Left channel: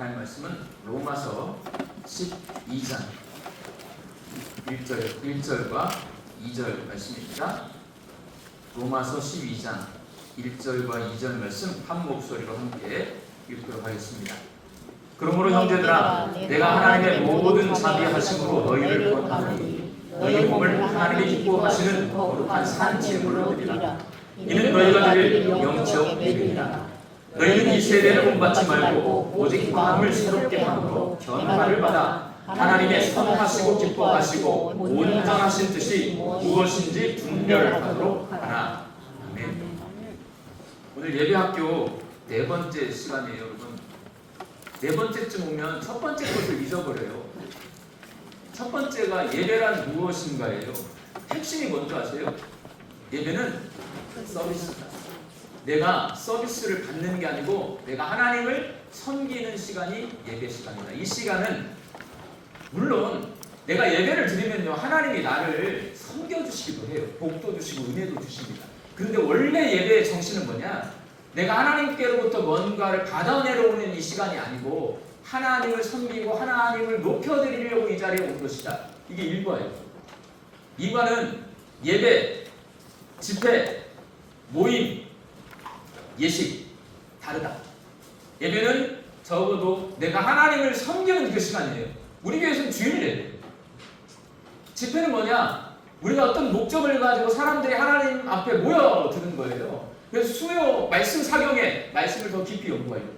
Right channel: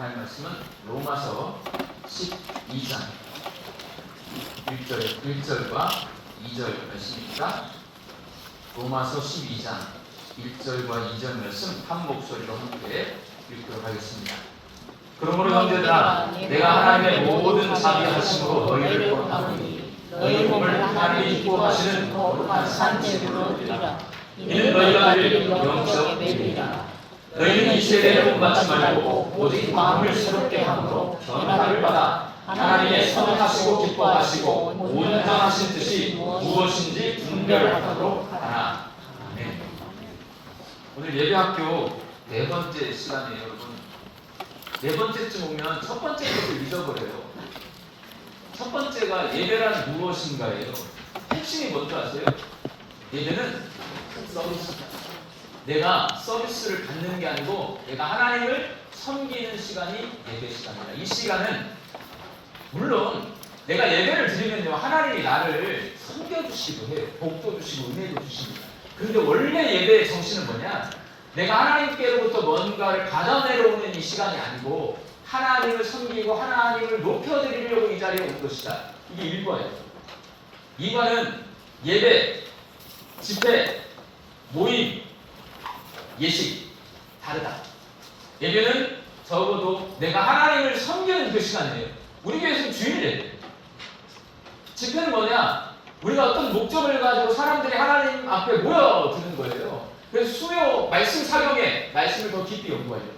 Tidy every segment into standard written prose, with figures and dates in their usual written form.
하나님 말씀은 로마서 12장 1절과 2절 말씀입니다. 로마서 12장 1절과 2절 말씀 한 목소리로 함께 읽도록 하겠습니다. 그러므로 형제들아, 내가 하나님의 모든 자비하심으로 너희를 권하노니 너희 몸을 하나님이 기뻐하시는 거룩한 산제물로 드리라. 이는 너희가 드릴 영적 예배이라. 너희는 이 세대를 본받지 말고 오직 마음을 새롭게 함으로 변화를 받아 하나님의 선하시고 기뻐하시고 온전하신 뜻이 무엇인지 분별하도록 하라. 아멘. 오늘 예배학교 네 번째 시간이에요, 여러분. 네 번째쯤 오면 첫 번째 것을 잊어버려요. 첫 번째가 예배란 무엇인가예요. 핵심이 뭔지 아세요? 예배는 서비스다. 내가 서비스를 받는 게 아니고 내가 하나님을 섬기는 시간이 예배 시간이다. 이 시간은 물론 내가 예배를 드리면요, 하나님이 나를 섬겨주시기도 해요. 복도 주시고 은혜도 주십니다. 그런데 원래 예배의 정신은 뭐냐? 내가 하나님께로부터 뭔가를 받아 내려오는 이 시간이 아니고 하나님을 섬기고 하나님을 높여드리려고 이 자리에 온 것이다. 이게 1번이에요. 2번은 예배, 집회, 모임, 예식 다르다. 예배는 적어도 내가 하나님을 섬기는 그 시간이에요. 우리 교회에서는 주일 예배. 집회는 뭐냐? 우리가 어떤 목적을 가지고 사람들이 하나님 앞에 모여드는 거예요. 그래서 수요 말씀 사경에 말씀을 더 깊이 연구하려고,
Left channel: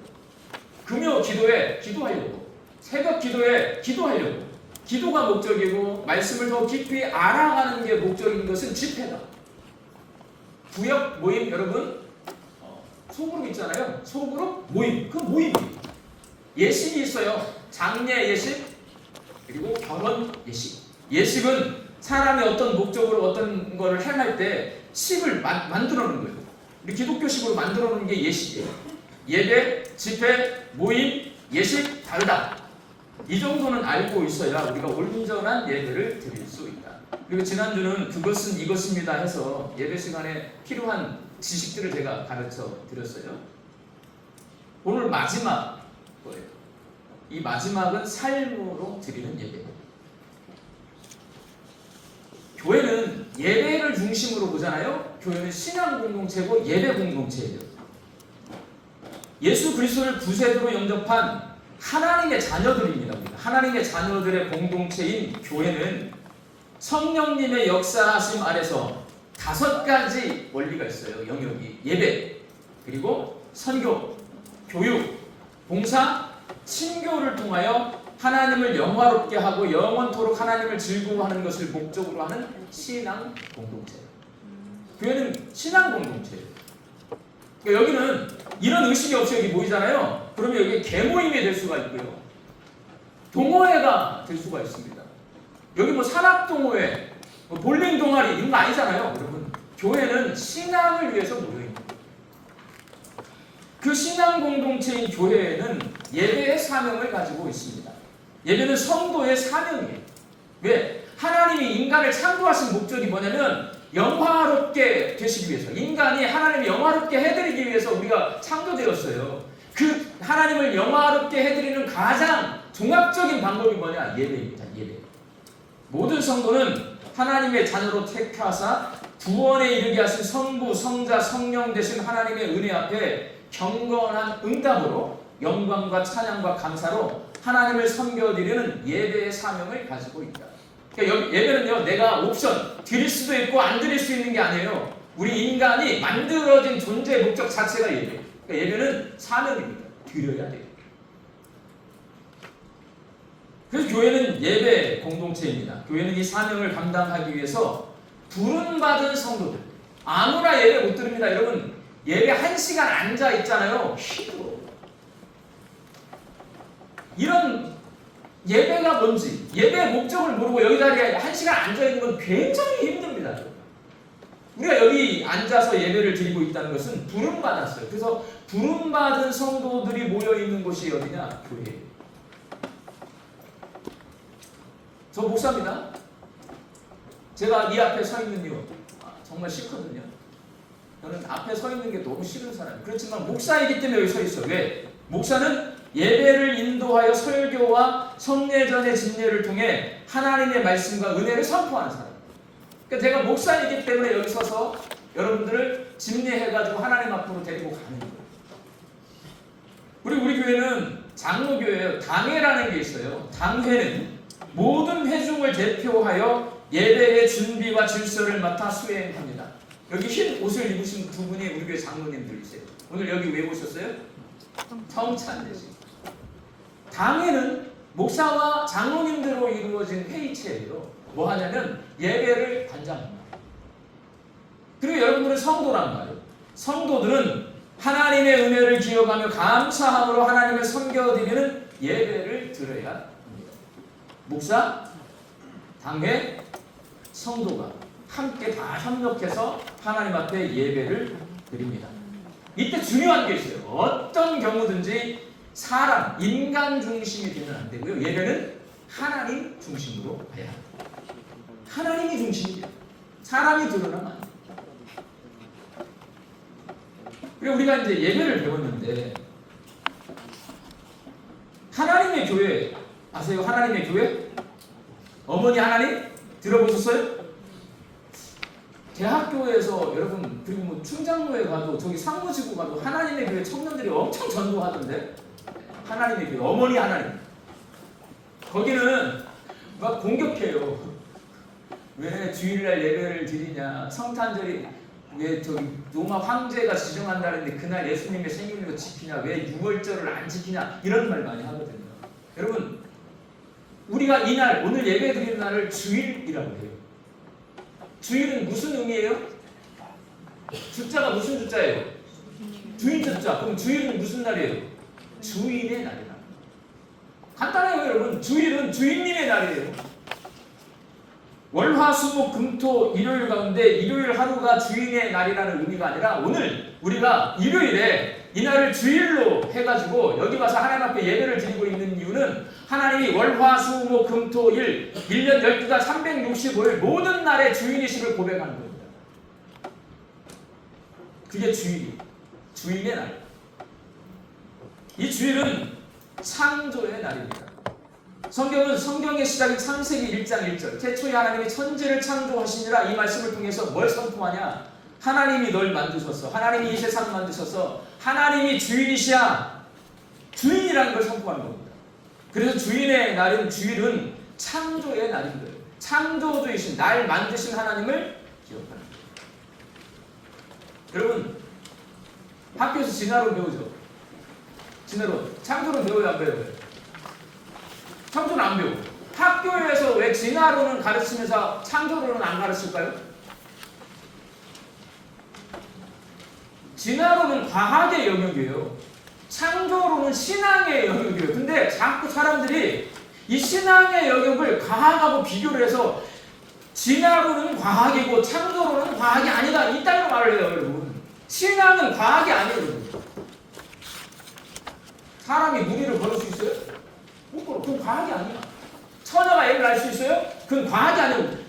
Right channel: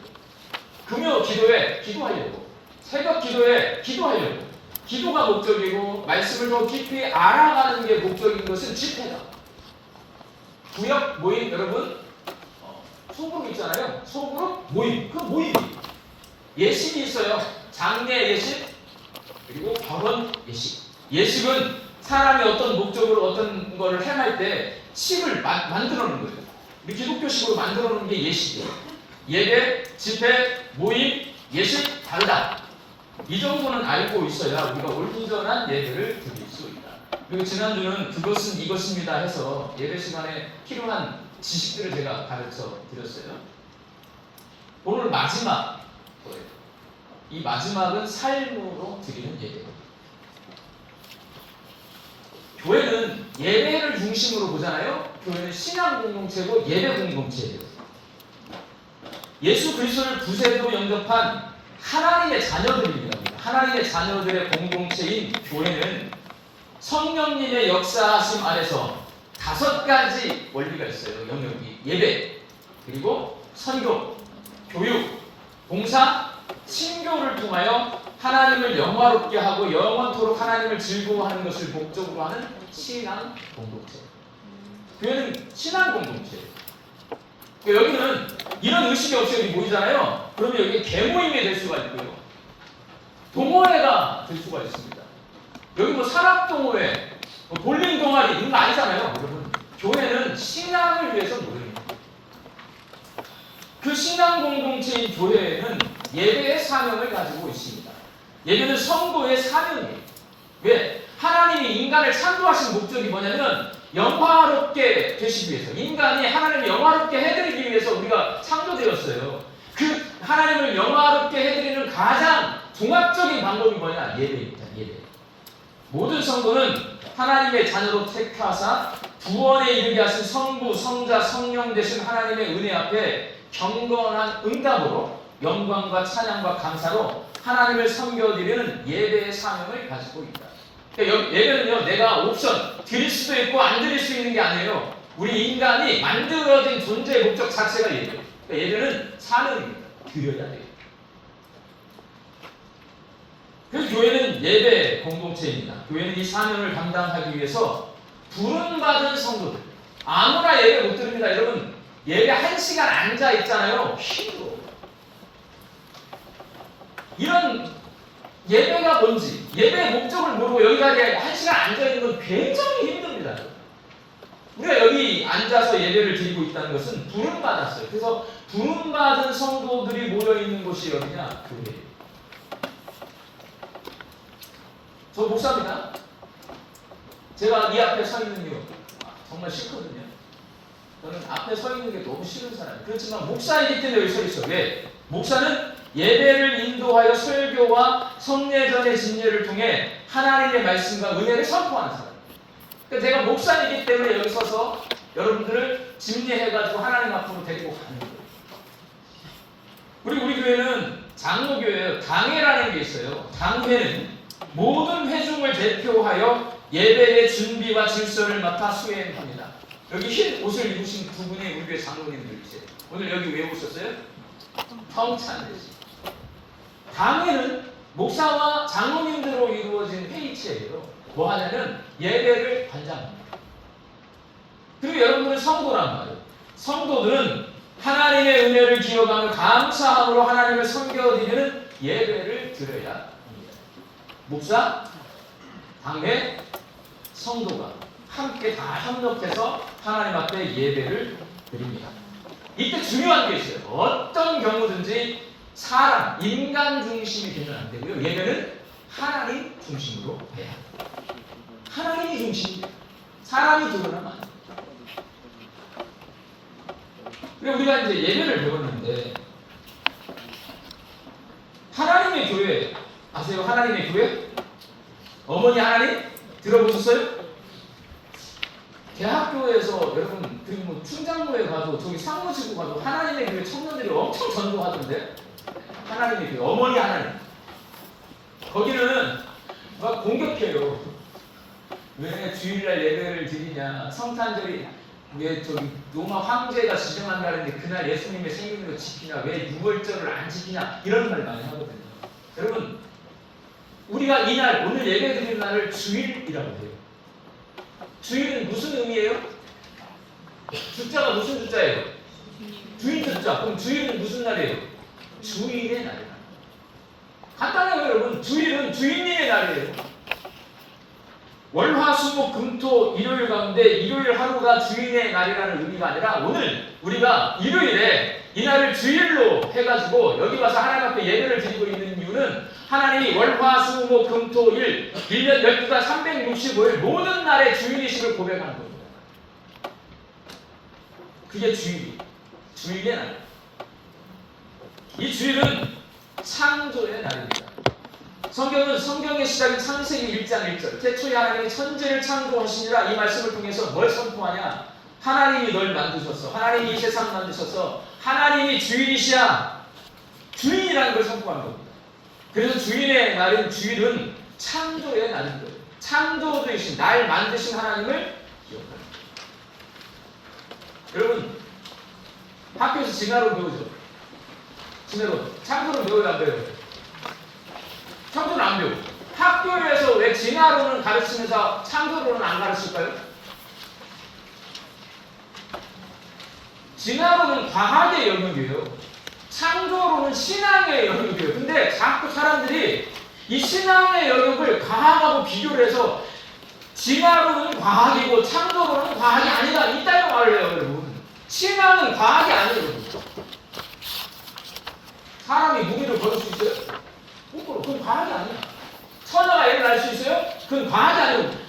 금요 기도에 기도하려고, 새벽 기도에 기도하려고. 기도가 목적이고 말씀을 더 깊이 알아가는 게 목적인 것은 집회다. 구역 모임, 여러분 소그룹 있잖아요. 소그룹 모임, 그 모임 예식이 있어요. 장례 예식 그리고 결혼 예식. 예식은 사람이 어떤 목적으로 어떤 거를 행할 때 식을 만들어 놓는 거예요. 우리 기독교식으로 만들어 놓는 게 예식이에요. 예배, 집회, 모임, 예식 다르다. 이 정도는 알고 있어야 우리가 온전한 예배를 드릴 수 있다. 그리고 지난주는 그것은 이것입니다 해서 예배 시간에 필요한 지식들을 제가 가르쳐 드렸어요. 오늘 마지막 거예요. 이 마지막은 삶으로 드리는 예배예요. 교회는 예배를 중심으로 보잖아요. 교회는 신앙 공동체고 예배 공동체예요. 예수 그리스도를 구세주로 영접한 하나님의 자녀들입니다. 하나님의 자녀들의 공동체인 교회는 성령님의 역사하심 아래서 5가지 원리가 있어요. 영역이 예배, 그리고 선교, 교육, 봉사, 친교를 통하여 하나님을 영화롭게 하고 영원토록 하나님을 즐거워하는 것을 목적으로 하는 신앙 공동체. 교회는 신앙 공동체예요. 여기는 이런 의식이 없이 여기 모이잖아요. 그러면 여기 개모임이 될 수가 있고요, 동호회가 될 수가 있습니다. 여기 뭐 산악동호회, 볼링 동아리 이런 거 아니잖아요. 여러분, 교회는 신앙을 위해서 모여있는 거예요. 그 신앙 공동체인 교회에는 예배의 사명을 가지고 있습니다. 예배는 성도의 사명이에요. 왜? 하나님이 인간을 창조하신 목적이 뭐냐면 영화롭게 되시기 위해서, 인간이 하나님을 영화롭게 해드리기 위해서 우리가 창조되었어요. 그 하나님을 영화롭게 해드리는 가장 종합적인 방법이 뭐냐? 예배입니다. 예배. 모든 성도는 하나님의 자녀로 택하사 구원에 이르게 하신 성부, 성자, 성령 되신 하나님의 은혜 앞에 경건한 응답으로 영광과 찬양과 감사로 하나님을 섬겨드리는 예배의 사명을 가지고 있다. 그러니까 예배는요, 내가 옵션 드릴 수도 있고 안 드릴 수 있는 게 아니에요. 우리 인간이 만들어진 존재의 목적 자체가 예배예요. 그러니까 예배는 사명입니다. 드려야 돼요. 그래서 교회는 예배 공동체입니다. 교회는 이 사명을 감당하기 위해서 부름받은 성도들, 아무나 예배 못 드립니다. 여러분, 예배 1시간 앉아 있잖아요. 힘들어요. 이런 예배가 뭔지, 예배의 목적을 모르고 여기 자리에 1시간 앉아 있는 건 굉장히 힘듭니다. 우리가 여기 앉아서 예배를 드리고 있다는 것은 부름받았어요. 그래서 부름받은 성도들이 모여있는 곳이 어디냐? 교회예요. 저 목사입니다. 제가 이 앞에 서 있는 이유 정말 싫거든요. 저는 앞에 서 있는 게 너무 싫은 사람이에요. 그렇지만 목사이기 때문에 여기 서 있어요. 왜? 목사는 예배를 인도하여 설교와 성례전의 진례를 통해 하나님의 말씀과 은혜를 선포하는 사람. 그러니까 제가 목사이기 때문에 여기 서서 여러분들을 집례해가지고 하나님 앞으로 데리고 가는 거예요. 우리 교회는 장로교회예요. 당회라는 게 있어요. 당회는 모든 회중을 대표하여 예배의 준비와 질서를 맡아 수행합니다. 여기 흰 옷을 입으신 두 분이 우리 교회 장로님들이세요. 오늘 여기 왜 오셨어요? 평찬대시. 당회는 목사와 장로님들로 이루어진 회의체예요. 뭐 하냐면 예배를 관장합니다. 그리고 여러분들은 성도란 말이에요. 성도들은 하나님의 은혜를 기억하며 감사함으로 하나님을 섬겨드리는 예배를 드려야 합니다. 목사, 당회, 성도가 함께 다 협력해서 하나님 앞에 예배를 드립니다. 이때 중요한 게 있어요. 어떤 경우든지 사람, 인간 중심이 되면 안 되고요. 예배는 하나님 중심으로 해야 합니다. 하나님이 중심이에요. 사람이 드러나면 안 돼요. 그리고 우리가 이제 예배를 배웠는데 하나님의 교회 아세요? 하나님의 교회? 어머니 하나님? 들어보셨어요? 대학교에서 여러분 그리고 뭐 충장로에 가도 저기 상무지구 가도 하나님의 교회 청년들이 엄청 전도하던데 하나님의 교회 어머니 하나님 거기는 막 공격해요. 왜 주일날 예배를 드리냐 성탄절이 왜 저기 로마 황제가 지정한다는데 그날 예수님의 생일로 지키냐 왜 6월절을 안 지키냐 이런 말 많이 하거든요. 여러분 우리가 이날 오늘 예배 드리는 날을 주일이라고 해요. 주일은 무슨 의미예요? 숫자가 무슨 숫자예요? 주인 숫자. 그럼 주일은 무슨 날이에요? 주일의 날이에요. 간단해요 여러분. 주일은 주인님의 날이에요. 월화수목금토 일요일 가운데 일요일 하루가 주인의 날이라는 의미가 아니라 오늘 우리가 일요일에 이날을 주일로 해가지고 여기 와서 하나님 앞에 예배를 드리고 있는 이유는 하나님이 월화수목금토일 1년 12달 365일 모든 날의 주인이심을 고백하는 겁니다. 그게 주일의 날. 이 주일은 창조의 날입니다. 성경의 시작이 창세기 1장 1절 태초에 하나님이 천지를 창조하시니라 이 말씀을 통해서 뭘 선포하냐 하나님이 널 만드셔서 하나님이 이 세상을 만드셔서 하나님이 주인이시야 주인이라는 걸 선포하는 겁니다. 그래서 주인의 날은 주일은 창조의 날인 거예요. 창조주이신 날 만드신 하나님을 기억합니다. 여러분 학교에서 진화론 배우죠? 진화론 창조론 배워요 안 배워요? 창조는 안 배우고 학교에서 왜 진화론을 가르치면서 창조론은 안 가르칠까요? 진화론은 과학의 영역이에요. 창조론은 신앙의 영역이에요. 근데 자꾸 사람들이 이 신앙의 영역을 과학하고 비교를 해서 진화론은 과학이고 창조론은 과학이 아니다 이따위로 말을 해요 여러분. 신앙은 과학이 아니에요 여러분. 사람이 무기를 걸을 수 있어요? 그건 과학이 아니야. 처녀가 애를 낳을 수 있어요? 그건 과학이 아니고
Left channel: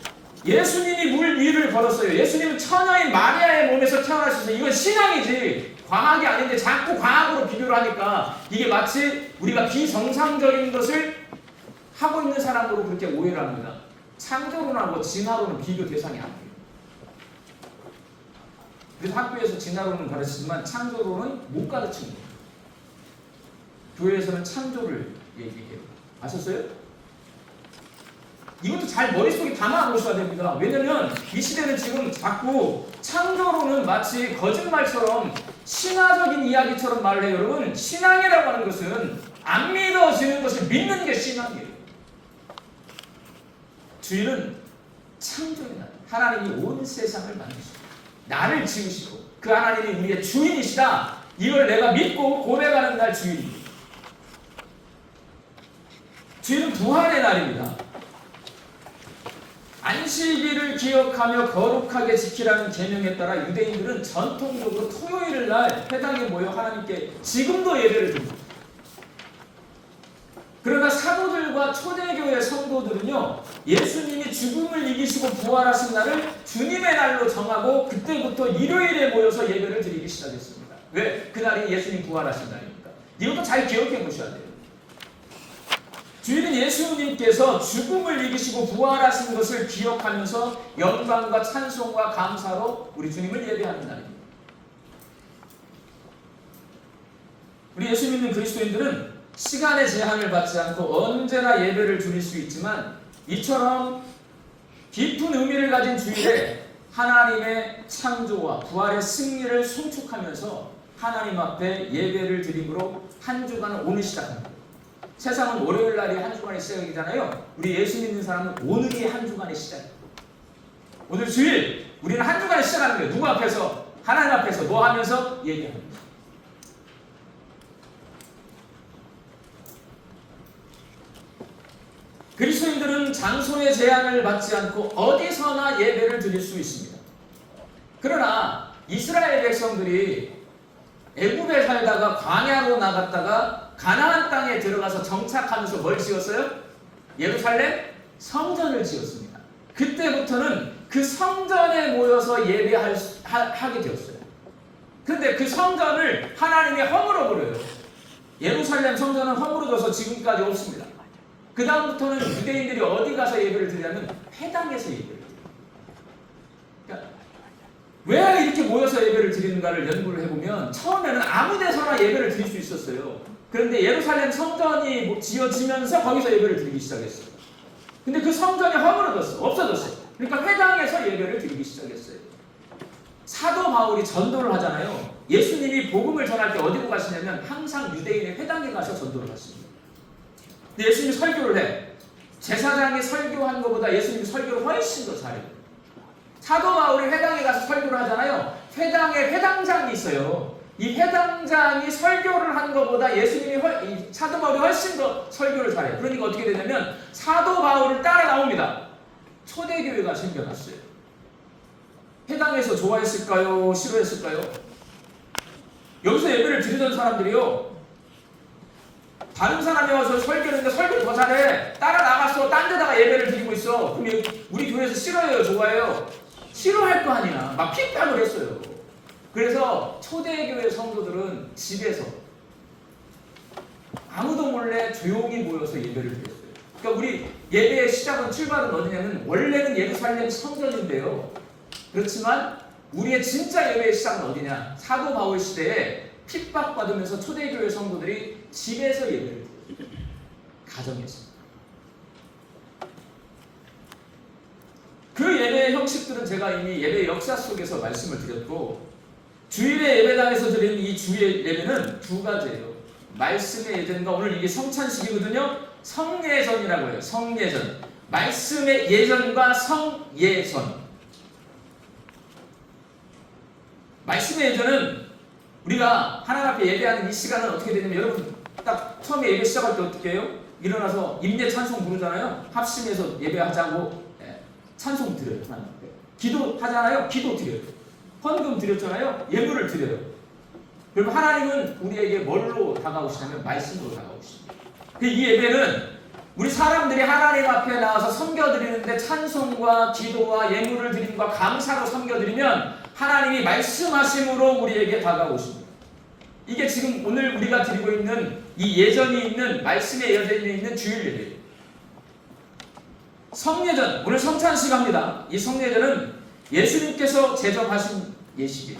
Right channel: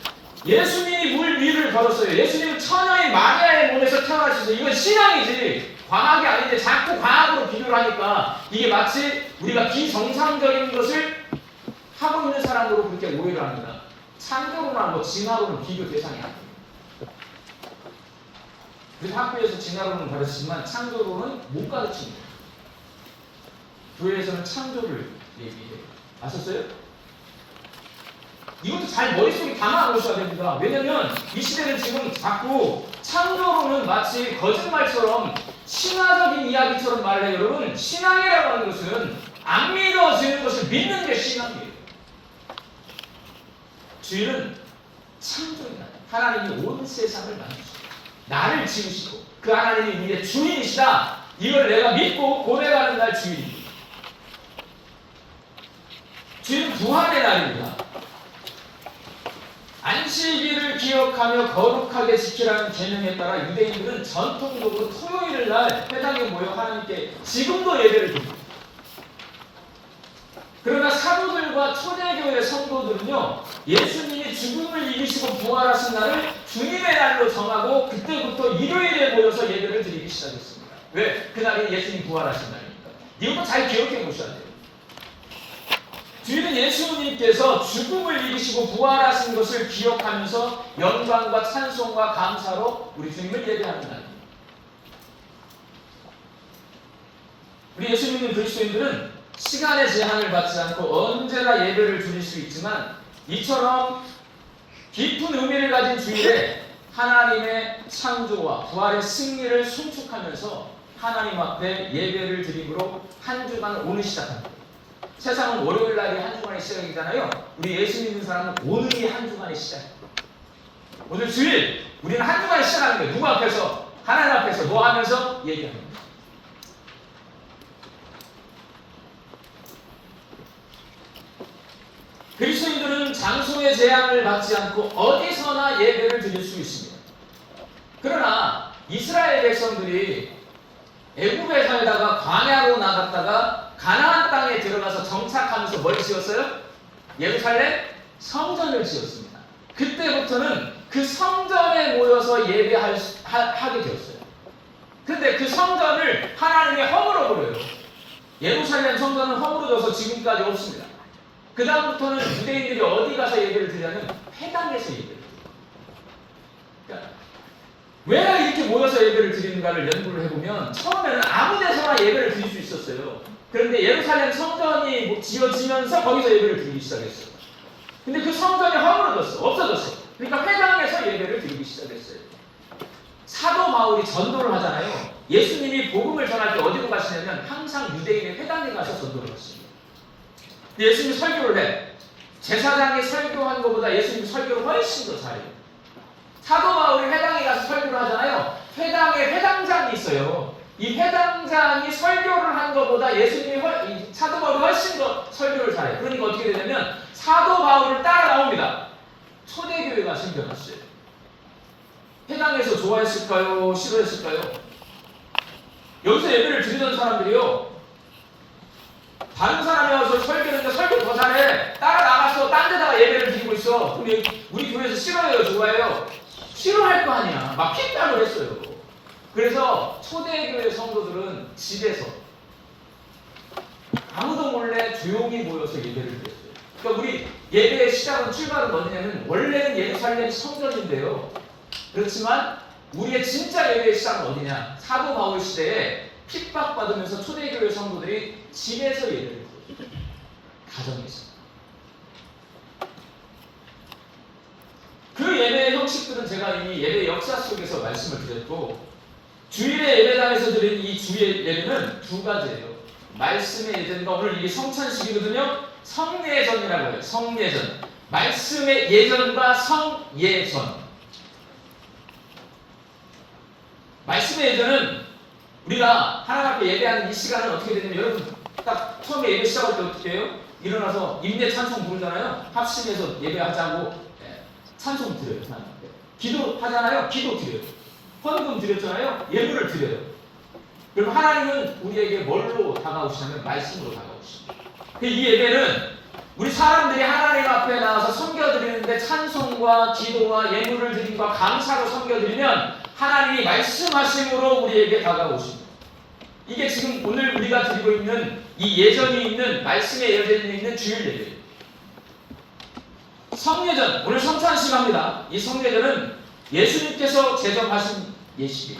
예수님이 물 위를 걸었어요. 예수님은 처녀인 마리아의 몸에서 태어나셨어요. 이건 신앙이지 과학이 아닌데 자꾸 과학으로 비교를 하니까 이게 마치 우리가 비정상적인 것을 하고 있는 사람으로 그렇게 오해를 합니다. 창조론이나 뭐 진화론은 비교 대상이 아니에요. 그래서 학교에서 진화론은 가르치지만 창조론은 못 가르치는 거예요. 교회에서는 창조를 얘기해요. 아셨어요? 이것도 잘 머릿속에 담아 놓으셔야 됩니다. 왜냐면 이 시대는 지금 자꾸 창조론은 마치 거짓말처럼 신화적인 이야기처럼 말을 해요. 여러분 신앙이라고 하는 것은 안 믿어지는 것을 믿는 게 신앙이에요. 주일은 창조의 날. 하나님이 온 세상을 만드시고 나를 지으시고 그 하나님이 우리의 주인이시다. 이걸 내가 믿고 고백하는 날 주일입니다. 주일은 부활의 날입니다. 안식일을 기억하며 거룩하게 지키라는 계명에 따라 유대인들은 전통적으로 토요일 날 회당에 모여 하나님께 지금도 예배를 드립니다. 그러나 사도들과 초대교회 성도들은요 예수님이 죽음을 이기시고 부활하신 날을 주님의 날로 정하고 그때부터 일요일에 모여서 예배를 드리기 시작했습니다. 왜? 그날이 예수님 부활하신 날이니까. 이것도 잘 기억해 보셔야 돼요. 주일은 예수님께서 죽음을 이기시고 부활하신 것을 기억하면서 영광과 찬송과 감사로 우리 주님을 예배하는 날입니다. 우리 예수 믿는 그리스도인들은 시간의 제한을 받지 않고 언제나 예배를 드릴 수 있지만 이처럼 깊은 의미를 가진 주일에 하나님의 창조와 부활의 승리를 송축하면서 하나님 앞에 예배를 드림으로 한 주간을 오늘 시작합니다. 세상은 월요일 날이 한 주간의 시작이잖아요. 우리 예수 믿는 사람은 오늘이 한 주간의 시작입니다. 오늘 주일 우리는 한 주간의 시작하는 거예요. 누구 앞에서? 하나님 앞에서 뭐 하면서? 예배합니다. 그리스도인들은 장소의 제한을 받지 않고 어디서나 예배를 드릴 수 있습니다. 그러나 이스라엘 백성들이 애굽에 살다가 광야로 나갔다가 가나안 땅에 들어가서 정착하면서 뭘 지었어요? 예루살렘 성전을 지었습니다. 그때부터는 그 성전에 모여서 예배하게 되었어요. 그런데 그 성전을 하나님이 허물어 버려요. 예루살렘 성전은 허물어져서 지금까지 없습니다. 그 다음부터는 유대인들이 어디 가서 예배를 드리냐면 회당에서 예배를 드려요. 그러니까 왜 이렇게 모여서 예배를 드리는가를 연구를 해보면 처음에는 아무 데서나 예배를 드릴 수 있었어요. 그런데 예루살렘 성전이 지어지면서 거기서 예배를 드리기 시작했어요. 근데 그 성전이 허물어졌어. 없어졌어요. 그러니까 회당에서 예배를 드리기 시작했어요. 사도 바울이 전도를 하잖아요. 예수님이 복음을 전할 때 어디로 가시냐면 항상 유대인의 회당에 가서 전도를 하십니다. 예수님이 설교를 해. 제사장이 설교한 것보다 예수님이 설교를 훨씬 더 잘해요. 사도 바울이 회당에 가서 설교를 하잖아요. 회당에 회당장이 있어요. 이 회당장이 설교를 한 것보다 예수님이 사도 바울이 훨씬 더 설교를 잘해요. 그러니까 어떻게 되냐면 사도 바울을 따라 나옵니다. 초대교회가 생겨났어요. 회당에서 좋아했을까요? 싫어했을까요? 여기서 예배를 드리던 사람들이요. 다른 사람이 와서 설교했는데 설교 더 잘해. 따라 나가서 딴 데다가 예배를 드리고 있어. 그럼 우리 교회에서 싫어해요? 좋아해요? 싫어할 거 아니야. 막 핍박을 했어요. 그래서 초대교회 성도들은 집에서 아무도 몰래 조용히 모여서 예배를 드렸어요. 그러니까 우리 예배의 시작은 출발은 어디냐면 원래는 예루살렘 성전인데요. 그렇지만 우리의 진짜 예배의 시작은 어디냐? 사도 바울 시대에 핍박받으면서 초대교회 성도들이 집에서 예배를 드렸어요. 가정에서. 그 예배의 형식들은 제가 이미 예배 역사 속에서 말씀을 드렸고 주일의 예배당에서 드린 이 주의 예배는 두 가지예요. 말씀의 예전과 오늘 이게 성찬식이거든요. 성예전이라고 해요. 성예전. 말씀의 예전과 성예전. 말씀의 예전은 우리가 하나님 앞에 예배하는 이 시간은 어떻게 되냐면 여러분 딱 처음에 예배 시작할 때 어떻게 해요? 일어나서 임재 찬송 부르잖아요. 합심해서 예배하자고 찬송 드려요. 하나님 앞에. 기도하잖아요. 기도 드려요. 헌금 드렸잖아요. 예물을 드려요. 그럼 하나님은 우리에게 뭘로 다가오시냐면 말씀으로 다가오십니다. 이 예배는 우리 사람들이 하나님 앞에 나와서 섬겨드리는데 찬송과 기도와 예물을 드림과 감사로 섬겨드리면 하나님이 말씀하심으로 우리에게 다가오십니다. 이게 지금 오늘 우리가 드리고 있는 이 예전이 있는 말씀의 예전이 있는 주일 예배예요. 성예전, 오늘 성찬식 합니다. 이 성예전은 예수님께서 제정하신 예식이에요.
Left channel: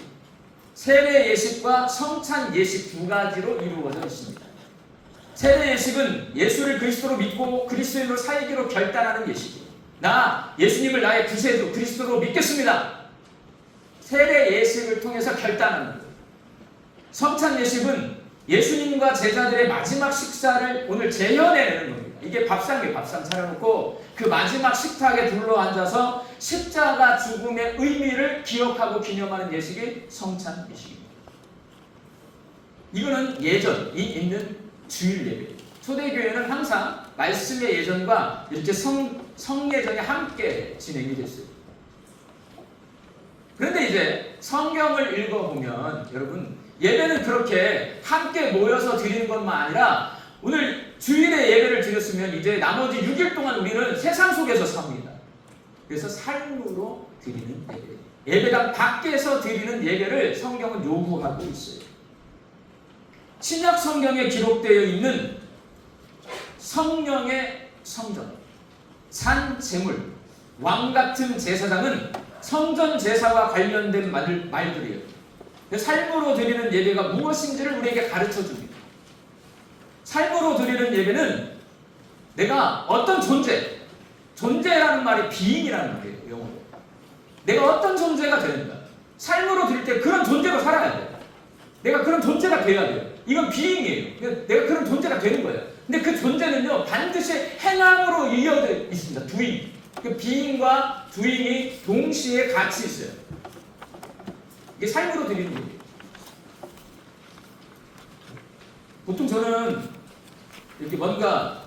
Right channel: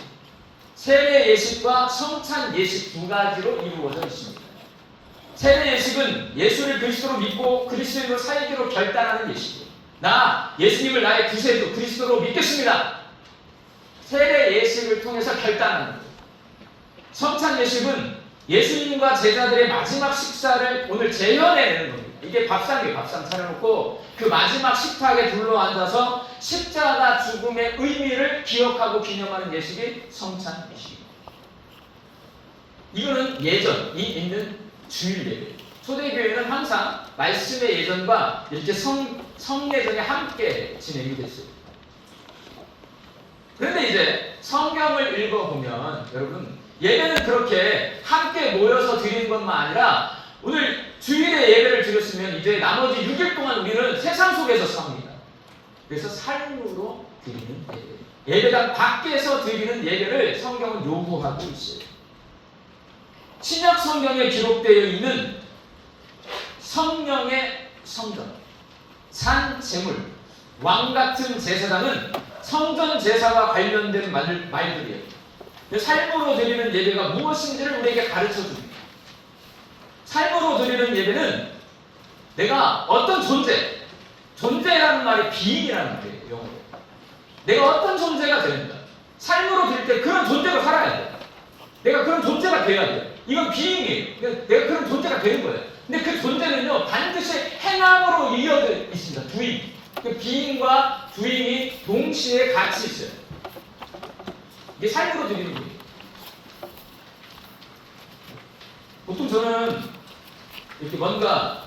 세례 예식과 성찬 예식 두 가지로 이루어져 있습니다. 세례 예식은 예수를 그리스도로 믿고 그리스도인으로 살기로 결단하는 예식이에요. 나 예수님을 나의 구세주 그리스도로 믿겠습니다. 세례 예식을 통해서 결단하는 거예요. 성찬 예식은 예수님과 제자들의 마지막 식사를 오늘 재현해내는 겁니다. 이게 밥상이에요. 밥상 차려놓고 그 마지막 식탁에 둘러앉아서 십자가 죽음의 의미를 기억하고 기념하는 예식이 성찬 예식입니다. 이거는 예전이 있는 주일 예배예요. 초대교회는 항상 말씀의 예전과 이렇게 성예전이 함께 진행이 됐어요. 그런데 이제 성경을 읽어보면 여러분 예배는 그렇게 함께 모여서 드리는 것만 아니라 오늘 주일에 예배를 드렸으면 이제 나머지 6일 동안 우리는 세상 속에서 삽니다. 그래서 삶으로 드리는 예배. 예배당 밖에서 드리는 예배를 성경은 요구하고 있어요. 신약 성경에 기록되어 있는 성령의 성전, 산 제물, 왕 같은 제사장은 성전 제사와 관련된 말들이에요. 삶으로 드리는 예배가 무엇인지를 우리에게 가르쳐 줍니다. 삶으로 드리는 예배는 내가 어떤 존재라는 말이 being이라는 말이에요. 영어로. 내가 어떤 존재가 되는가. 삶으로 드릴 때 그런 존재로 살아가야 돼요. 내가 그런 존재가 되어야 돼요. 이건 being이에요. 내가 그런 존재가 되는 거예요. 근데 그 존재는요, 반드시 행함으로 이어져 있습니다. doing. 그 being과 doing이 동시에 같이 있어요. 이게 삶으로 드리는 거예요. 보통 저는 이렇게 뭔가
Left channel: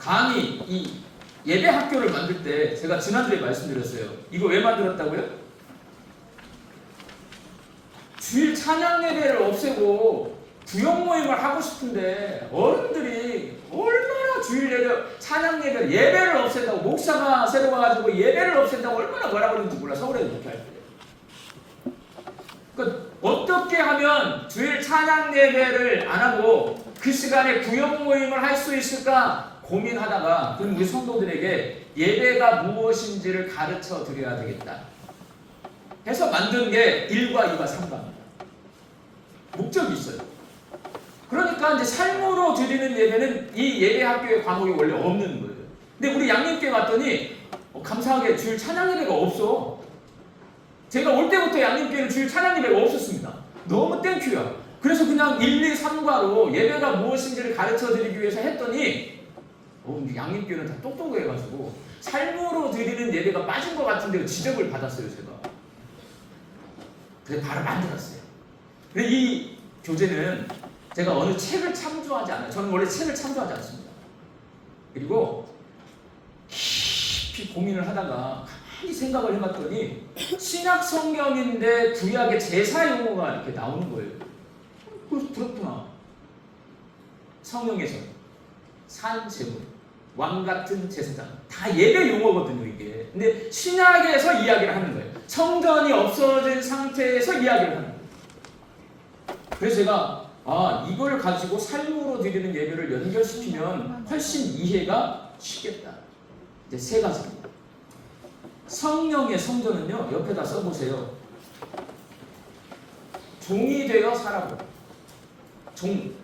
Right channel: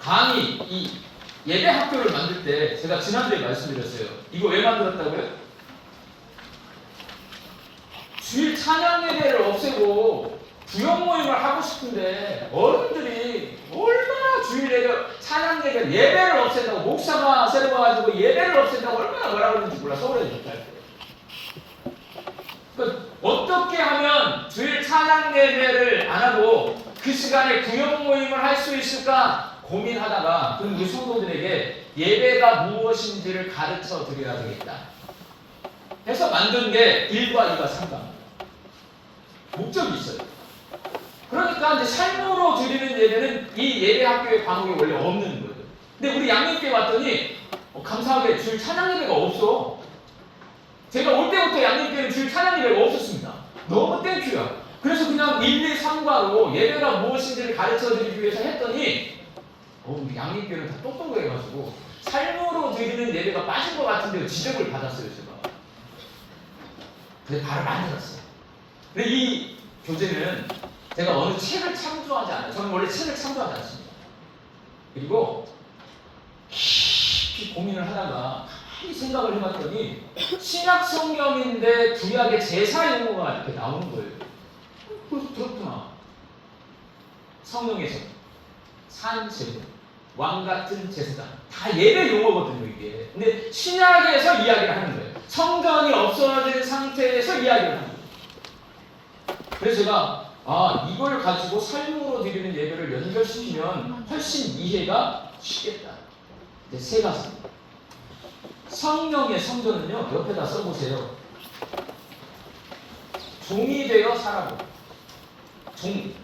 감히 이 예배 학교를 만들 때 제가 지난주에 말씀드렸어요. 이거 왜 만들었다고요? 주일 찬양 예배를 없애고 구역 모임을 하고 싶은데 어른들이 얼마나 주일 예배, 찬양 예배를 없앤다고 목사가 새로 와가지고 예배를 없앤다고 얼마나 뭐라 그러는지 몰라. 서울에 못할 때. 그러니까 어떻게 하면 주일 찬양 예배를 안 하고 그 시간에 구역 모임을 할 수 있을까 고민하다가 그럼 우리 성도들에게 예배가 무엇인지를 가르쳐 드려야 되겠다 해서 만든 게 1과 2과 3과 목적이 있어요. 그러니까 이제 삶으로 드리는 예배는 이 예배 학교의 과목에 원래 없는 거예요. 근데 우리 양육교회 왔더니 감사하게 주일 찬양 예배가 없어. 제가 올 때부터 양육교회는 주일 찬양 예배가 없었습니다. 너무 땡큐야. 그래서 그냥 1, 2, 3과로 예배가 무엇인지를 가르쳐 드리기 위해서 했더니 양육교회는 다 똑똑해가지고 삶으로 드리는 예배가 빠진 것 같은데 지적을 받았어요. 제가. 그래서 바로 만들었어요. 근데 이 교재는 제가 어느 책을 참조하지 않아요. 저는 원래 책을 참조하지 않습니다. 그리고 깊이 고민을 하다가 가만히 생각을 해봤더니 신약 성경인데 구약의 제사 용어가 이렇게 나오는 거예요. 그렇구나. 성령의 성, 산 제물, 왕 같은 제사장 다 예배 용어거든요 이게. 근데 신약에서 이야기를 하는 거예요. 성전이 없어진 상태에서 이야기를 하는 거예요. 그래서 제가 이걸 가지고 삶으로 드리는 예배를 연결시키면 훨씬 이해가 쉽겠다. 이제 세 가지입니다. 성령의 성전은요, 옆에다 써보세요. 종이 되어 살아보라. 종.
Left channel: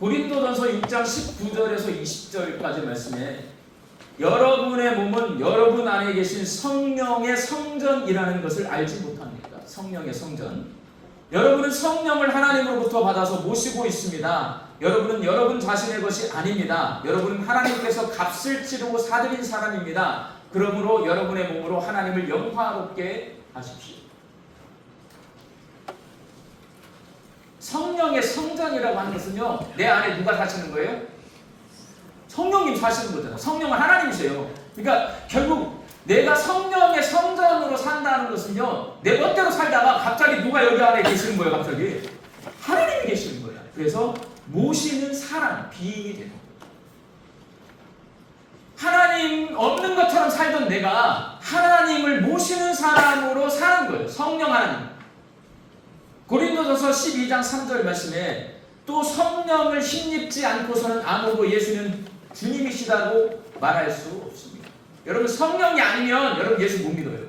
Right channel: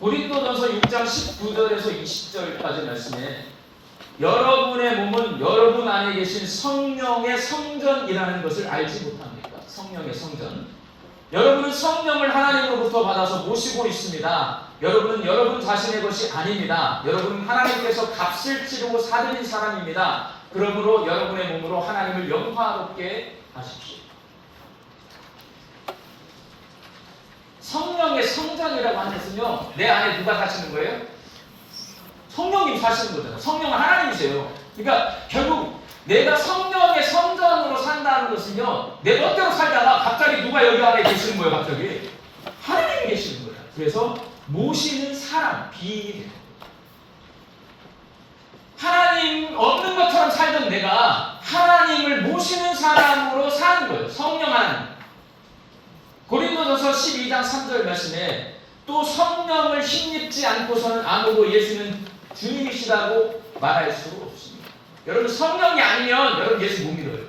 고린도전서 6장 19절에서 20절까지 말씀에 여러분의 몸은 여러분 안에 계신 성령의 성전이라는 것을 알지 못합니까? 성령의 성전. 여러분은 성령을 하나님으로부터 받아서 모시고 있습니다. 여러분은 여러분 자신의 것이 아닙니다. 여러분은 하나님께서 값을 치르고 사드린 사람입니다. 그러므로 여러분의 몸으로 하나님을 영화롭게 하십시오. 성령의 성전이라고 하는 것은요, 내 안에 누가 사시는 거예요? 성령님 사시는 거잖아요. 성령은 하나님이세요. 그러니까 결국 내가 성령의 성전으로 산다는 것은요, 내 멋대로 살다가 갑자기 누가 여기 안에 계시는 거예요. 갑자기 하나님이 계시는 거예요. 그래서 모시는 사람, 비인이 되는 거예요. 하나님 없는 것처럼 살던 내가 하나님을 모시는 사람으로 사는 거예요. 성령 하나님. 고린도전서 12장 3절 말씀에 또 성령을 힘입지 않고서는 아무도 예수는 주님이시라고 말할 수 없습니다. 여러분 성령이 아니면 여러분 예수 못 믿어요.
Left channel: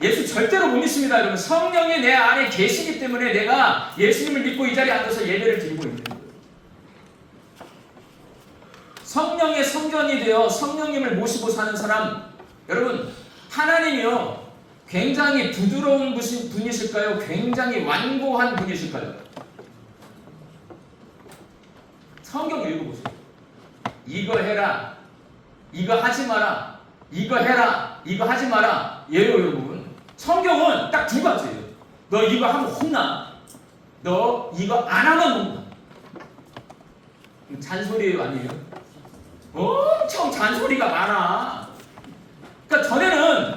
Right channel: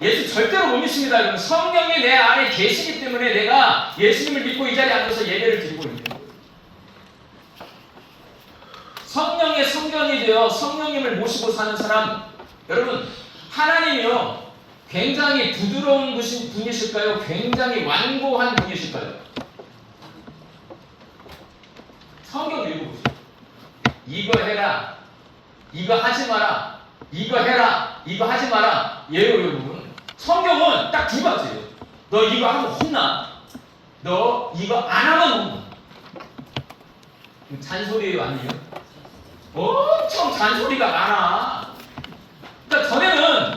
예수 절대로 못 믿습니다. 여러분 성령이 내 안에 계시기 때문에 내가 예수님을 믿고 이 자리에 앉아서 예배를 드리고 있는 거예요. 성령의 성전이 되어 성령님을 모시고 사는 사람, 여러분 하나님이요 굉장히 부드러운 분이실까요? 굉장히 완고한 분이실까요? 성경 읽어보세요. 이거 해라, 이거 하지 마라, 이거 해라, 이거 하지 마라. 예요 여러분. 성경은 딱 두 가지예요. 너 이거 하면 혼나. 너 이거 안 하면 혼나. 잔소리예요 아니에요? 엄청 잔소리가 많아. 그러니까 전에는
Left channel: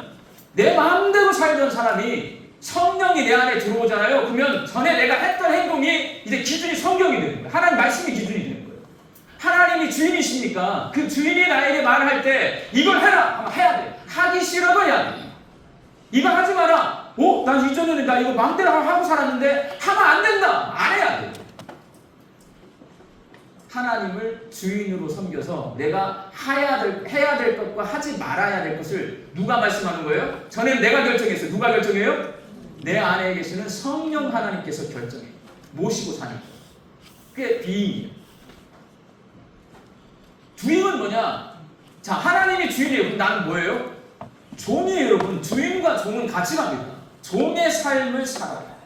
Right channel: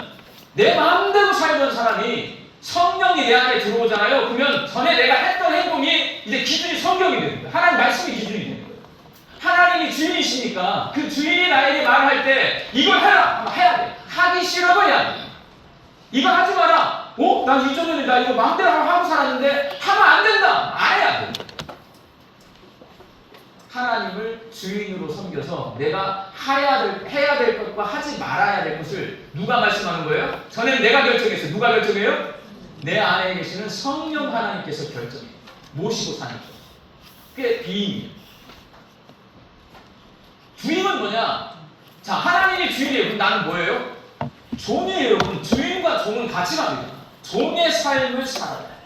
내 마음대로 살던 사람이 성령이 내 안에 들어오잖아요. 그러면 전에 내가 했던 행동이 이제 기준이 성경이 되는 거예요. 하나님 말씀이 기준이 되는 거예요. 하나님이 주인이시니까 그 주인이 나에게 말을 할 때 이걸 해라 하면 해야 돼. 하기 싫어도 해야 돼. 이거 하지 마라. 나 이전에는 나 이거 마음대로 하고 살았는데 하면 안 된다. 안 해야 돼. 하나님을 주인으로 섬겨서 내가 해야 될 것과 하지 말아야 될 것을 누가 말씀하는 거예요? 전에는 내가 결정했어요. 누가 결정해요? 내 안에 계시는 성령 하나님께서 결정해요. 모시고 사는 거. 그게 비임이에요. 주인은 뭐냐? 자, 하나님이 주인이에요. 그럼 나는 뭐예요? 종이에요. 여러분. 주인과 종은 같이 갑니다. 종의 삶을 살아라.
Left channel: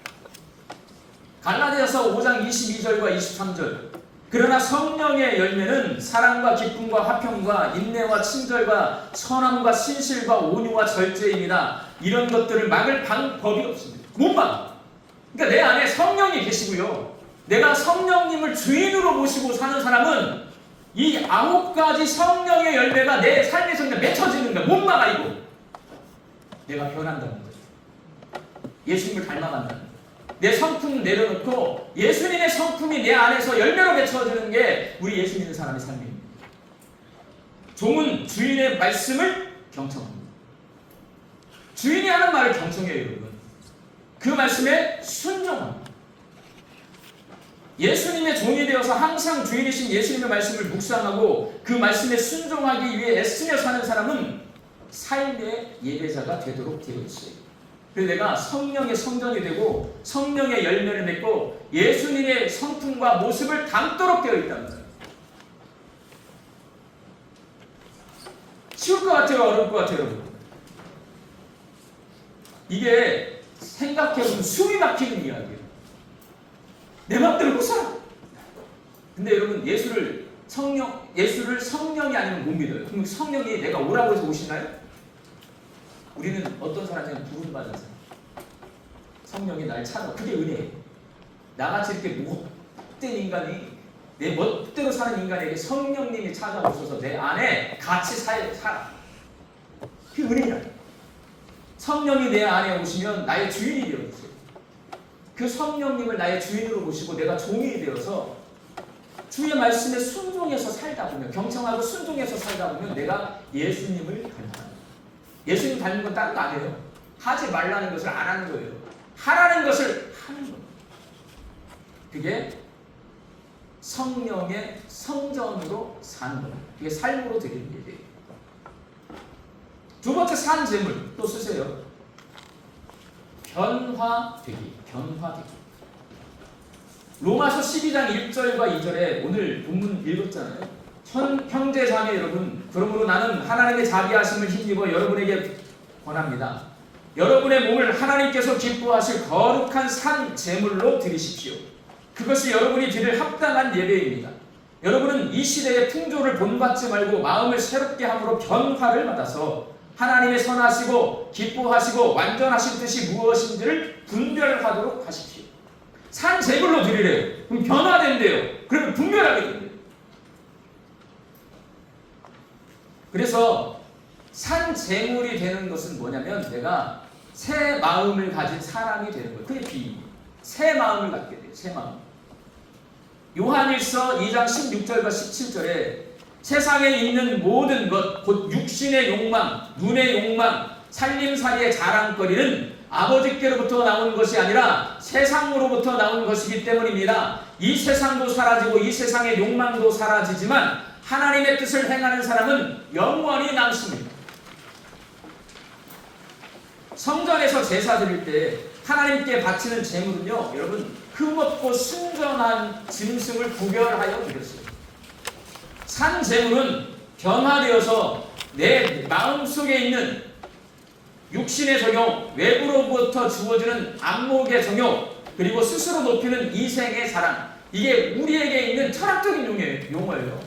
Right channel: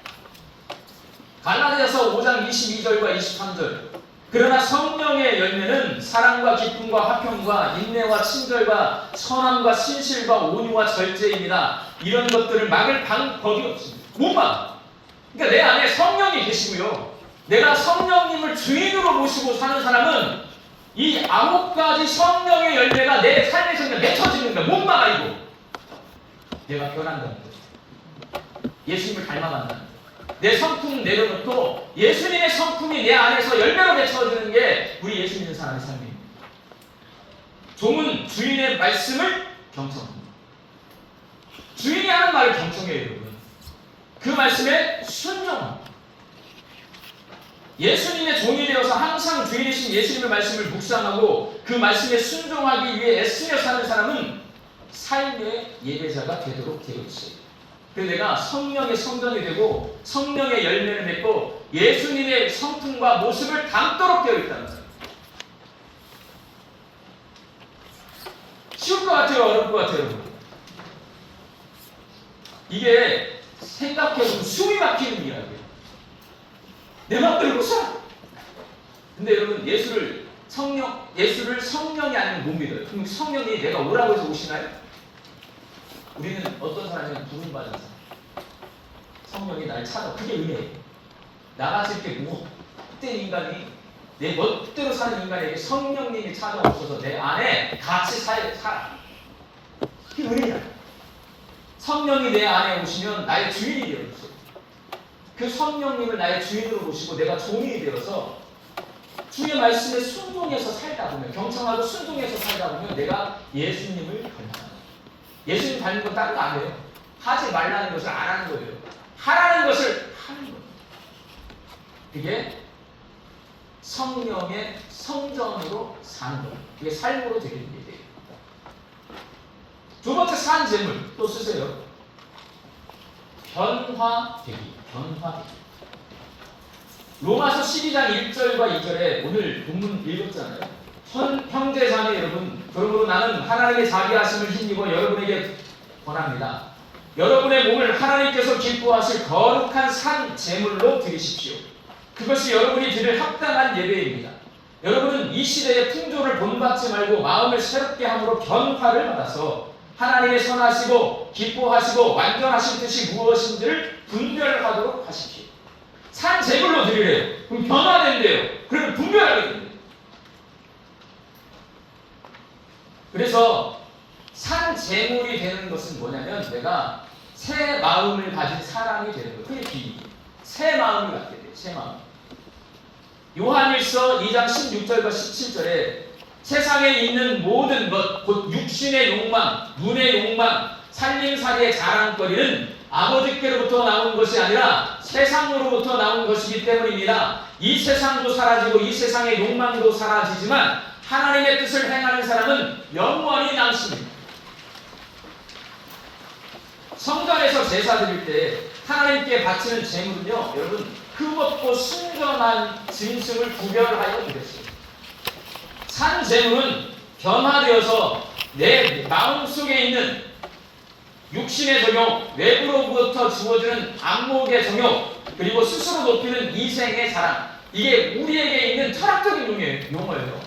갈라디아서 5장 22절과 23절. 그러나 성령의 열매는 사랑과 기쁨과 화평과 인내와 친절과 선함과 신실과 온유와 절제입니다. 이런 것들을 막을 방법이 없습니다. 못 막아. 그러니까 내 안에 성령이 계시고요. 내가 성령님을 주인으로 모시고 사는 사람은 이 9가지 성령의 열매가 내 삶에서 그냥 맺혀지는 거야. 못 막아 이거. 내가 변한다는 거야. 예수님을 닮아간다는 거야. 내 성품 내려놓고 예수님의 성품이 내 안에서 열매로 맺혀지는 게 우리 예수 믿는 사람의 삶입니다. 종은 주인의 말씀을 경청합니다. 주인이 하는 말을 경청해요, 여러분. 그 말씀에 순종합니다. 예수님의 종이 되어서 항상 주인이신 예수님의 말씀을 묵상하고 그 말씀에 순종하기 위해 애쓰며 사는 사람은 삶의 예배자가 되도록 되어 있어요. 그래서 내가 성령의 성전이 되고 성령의 열매를 맺고 예수님의 성품과 모습을 담도록 되어 있다는 거예요. 쉬울 것 같아요? 어려울 것 같아요? 이게 생각해보면 숨이 막히는 이야기예요. 내 맘대로 못 살아. 근데 여러분 예수를 성령이 아니면 못 믿어요. 그럼 성령이 내가 오라고 해서 오시나요? 우리는 어떤 사람이면 부름받은 사람. 성령이 날 찾아. 그게 은혜예요. 나같이 이렇게 못된 인간이 내 멋대로 사는 인간에게 성령님이 찾아오셔서 내 안에 같이 살아. 그게 은혜야. 성령이 내 안에 오시면 나의 주인이 되어주세요. 그 성령님을 나의 주인으로 모시고 내가 종이 되어서 주의 말씀에 순종해서 살다 보면 경청하고 순종해서 살다 보면 내가 예수님을 닮아. 예수님 닮는 건 다른 거 안 해요. 하지 말라는 것을 안 하는 거예요. 하라는 것을 하는 거예요. 그게 성령의 성전으로 사는 거예요. 그게 삶으로 되게 되는 거예요. 두 번째 산 재물 또 쓰세요. 변화되기. 로마서 12장 1절과 2절에 오늘 본문 읽었잖아요. 형제 자매 여러분, 그러므로 나는 하나님의 자비하심을 힘입어 여러분에게 권합니다. 여러분의 몸을 하나님께서 기뻐하실 거룩한 산 제물로 드리십시오. 그것이 여러분이 드릴 합당한 예배입니다. 여러분은 이 시대의 풍조를 본받지 말고 마음을 새롭게 함으로 변화를 받아서 하나님의 선하시고 기뻐하시고 완전하신 뜻이 무엇인지를 분별하도록 하십시오. 산 제물로 드리래요. 그럼 변화된대요. 그러면 분별하게 됩니다. 그래서 산 제물이 되는 것은 뭐냐면 내가 새 마음을 가진 사람이 되는 거예요. 그게 비유. 새 마음을 갖게 돼요. 새 마음. 요한일서 2장 16절과 17절에 세상에 있는 모든 것, 곧 육신의 욕망, 눈의 욕망, 살림살이의 자랑거리는 아버지께로부터 나온 것이 아니라 세상으로부터 나온 것이기 때문입니다. 이 세상도 사라지고 이 세상의 욕망도 사라지지만 하나님의 뜻을 행하는 사람은 영원히 남습니다. 성전에서 제사 드릴 때 하나님께 바치는 제물은요, 여러분 흠없고 순전한 짐승을 구별하여 드렸어요. 산 제물은 변화되어서 내 마음속에 있는 육신의 정욕, 외부로부터 주어지는 안목의 정욕, 그리고 스스로 높이는 이생의 자랑, 이게 우리에게 있는 철학적인 용어예요.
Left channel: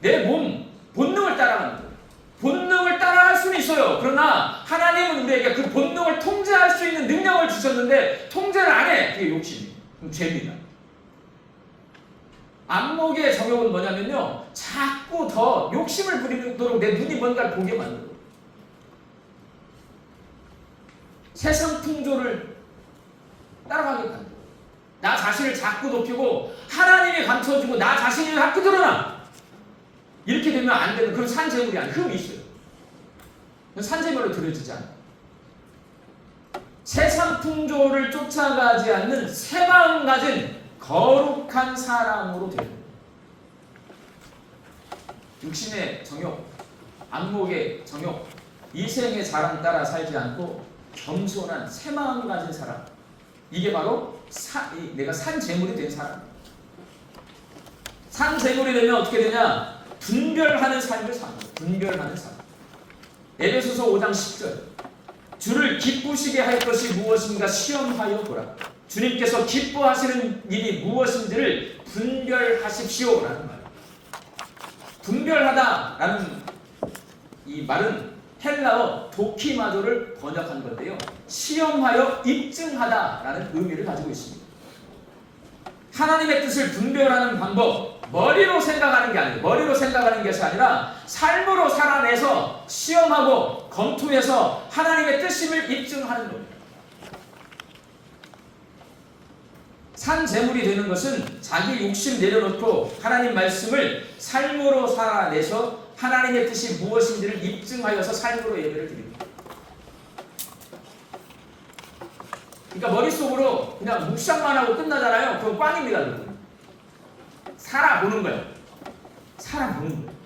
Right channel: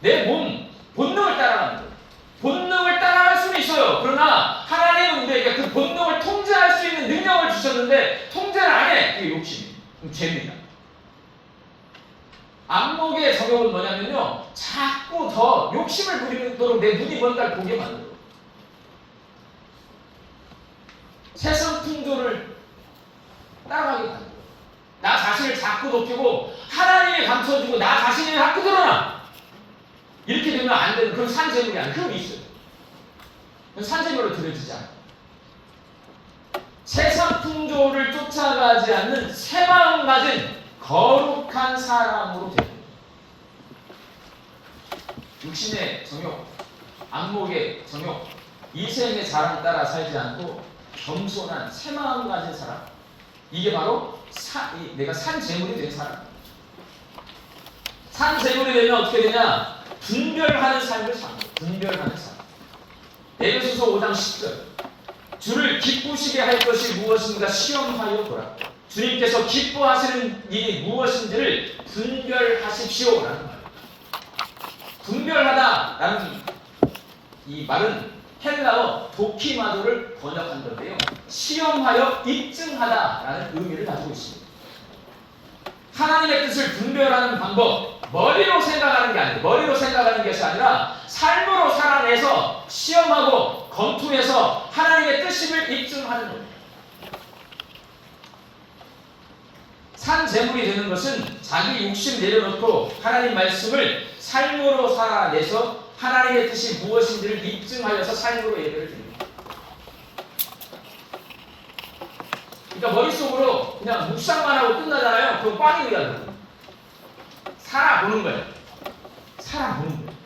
내 몸, 본능을 따라가는 거예요. 본능을 따라갈 수는 있어요. 그러나 하나님은 우리에게 그 본능을 통제할 수 있는 능력을 주셨는데 통제를 안 해. 그게 욕심이에요. 그럼 죄입니다. 안목의 정욕은 뭐냐면요, 자꾸 더 욕심을 부리도록 내 눈이 뭔가를 보게 만들어요. 세상 풍조를 따라가게 만들어요. 나 자신을 자꾸 높이고 하나님이 감춰주고 나 자신이 자꾸 드러나. 이렇게 되면 안 되는 그런 산재물이 아니에요. 그런 게 있어요. 산재물로 들어지지 않아요. 세상 풍조를 쫓아가지 않는 새 마음 가진 거룩한 사람으로 되는 거예요. 육신의 정욕, 안목의 정욕, 이생의 자랑 따라 살지 않고 겸손한 새 마음 가진 사람. 이게 바로 내가 산 재물이 된 사람. 산 재물이 되면 어떻게 되냐? 분별하는 삶을 사는 거예요. 분별하는 삶. 에베소서 5장 10절. 주를 기쁘시게 할 것이 무엇인가 시험하여 보라. 주님께서 기뻐하시는 일이 무엇인지를 분별하십시오라는 말. 분별하다라는 이 말은 헬라어 도키마도를 번역한 건데요. 시험하여 입증하다라는 의미를 가지고 있습니다. 하나님의 뜻을 분별하는 방법, 머리로 생각하는 게 아니고 머리로 생각하는 것이 아니라 삶으로 살아내서 시험하고 검토해서 하나님의 뜻임을 입증하는 겁니다. 산 재물이 되는 것은 자기 욕심 내려놓고 하나님 말씀을 삶으로 살아내서 하나님의 뜻이 무엇인지를 입증하여서 삶으로 예배를 드립니다. 그러니까 머릿속으로 그냥 묵상만 하고 끝나잖아요. 그건 꽝입니다. 살아보는 거예요. 살아보는 거예요.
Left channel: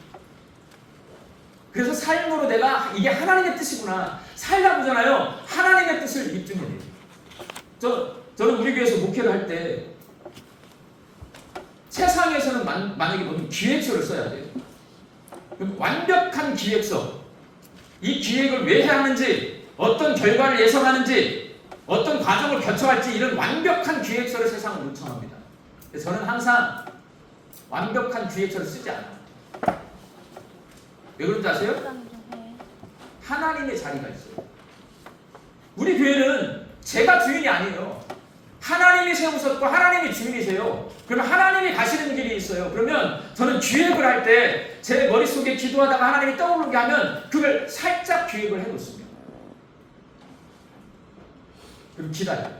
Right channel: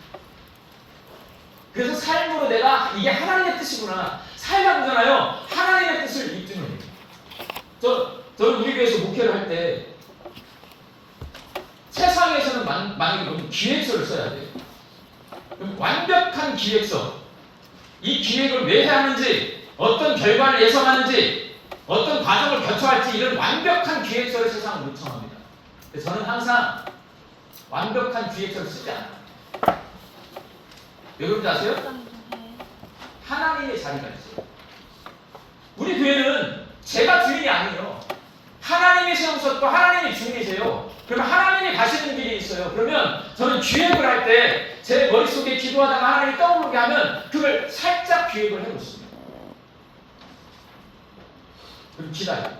그래서 삶으로 내가 이게 하나님의 뜻이구나. 살다 보잖아요. 하나님의 뜻을 입증을 해요. 저는 우리 교회에서 목회를 할 때 세상에서는 만약에 보면 기획서를 써야 돼요. 그럼 완벽한 기획서. 이 기획을 왜 해야 하는지, 어떤 결과를 예상하는지, 어떤 과정을 거쳐할지 이런 완벽한 기획서를 세상은 요청합니다. 그래서 저는 항상 완벽한 기획서를 쓰지 않아요. 왜 그런지 아세요? 하나님의 자리가 있어요. 우리 교회는 제가 주인이 아니에요. 하나님이 세우셨고 하나님이 주인이세요. 그러면 하나님이 가시는 길이 있어요. 그러면 저는 기획을 할 때 제 머릿속에 기도하다가 하나님이 떠오르게 하면 그걸 살짝 기획을 해놓습니다. 그럼 기다려요.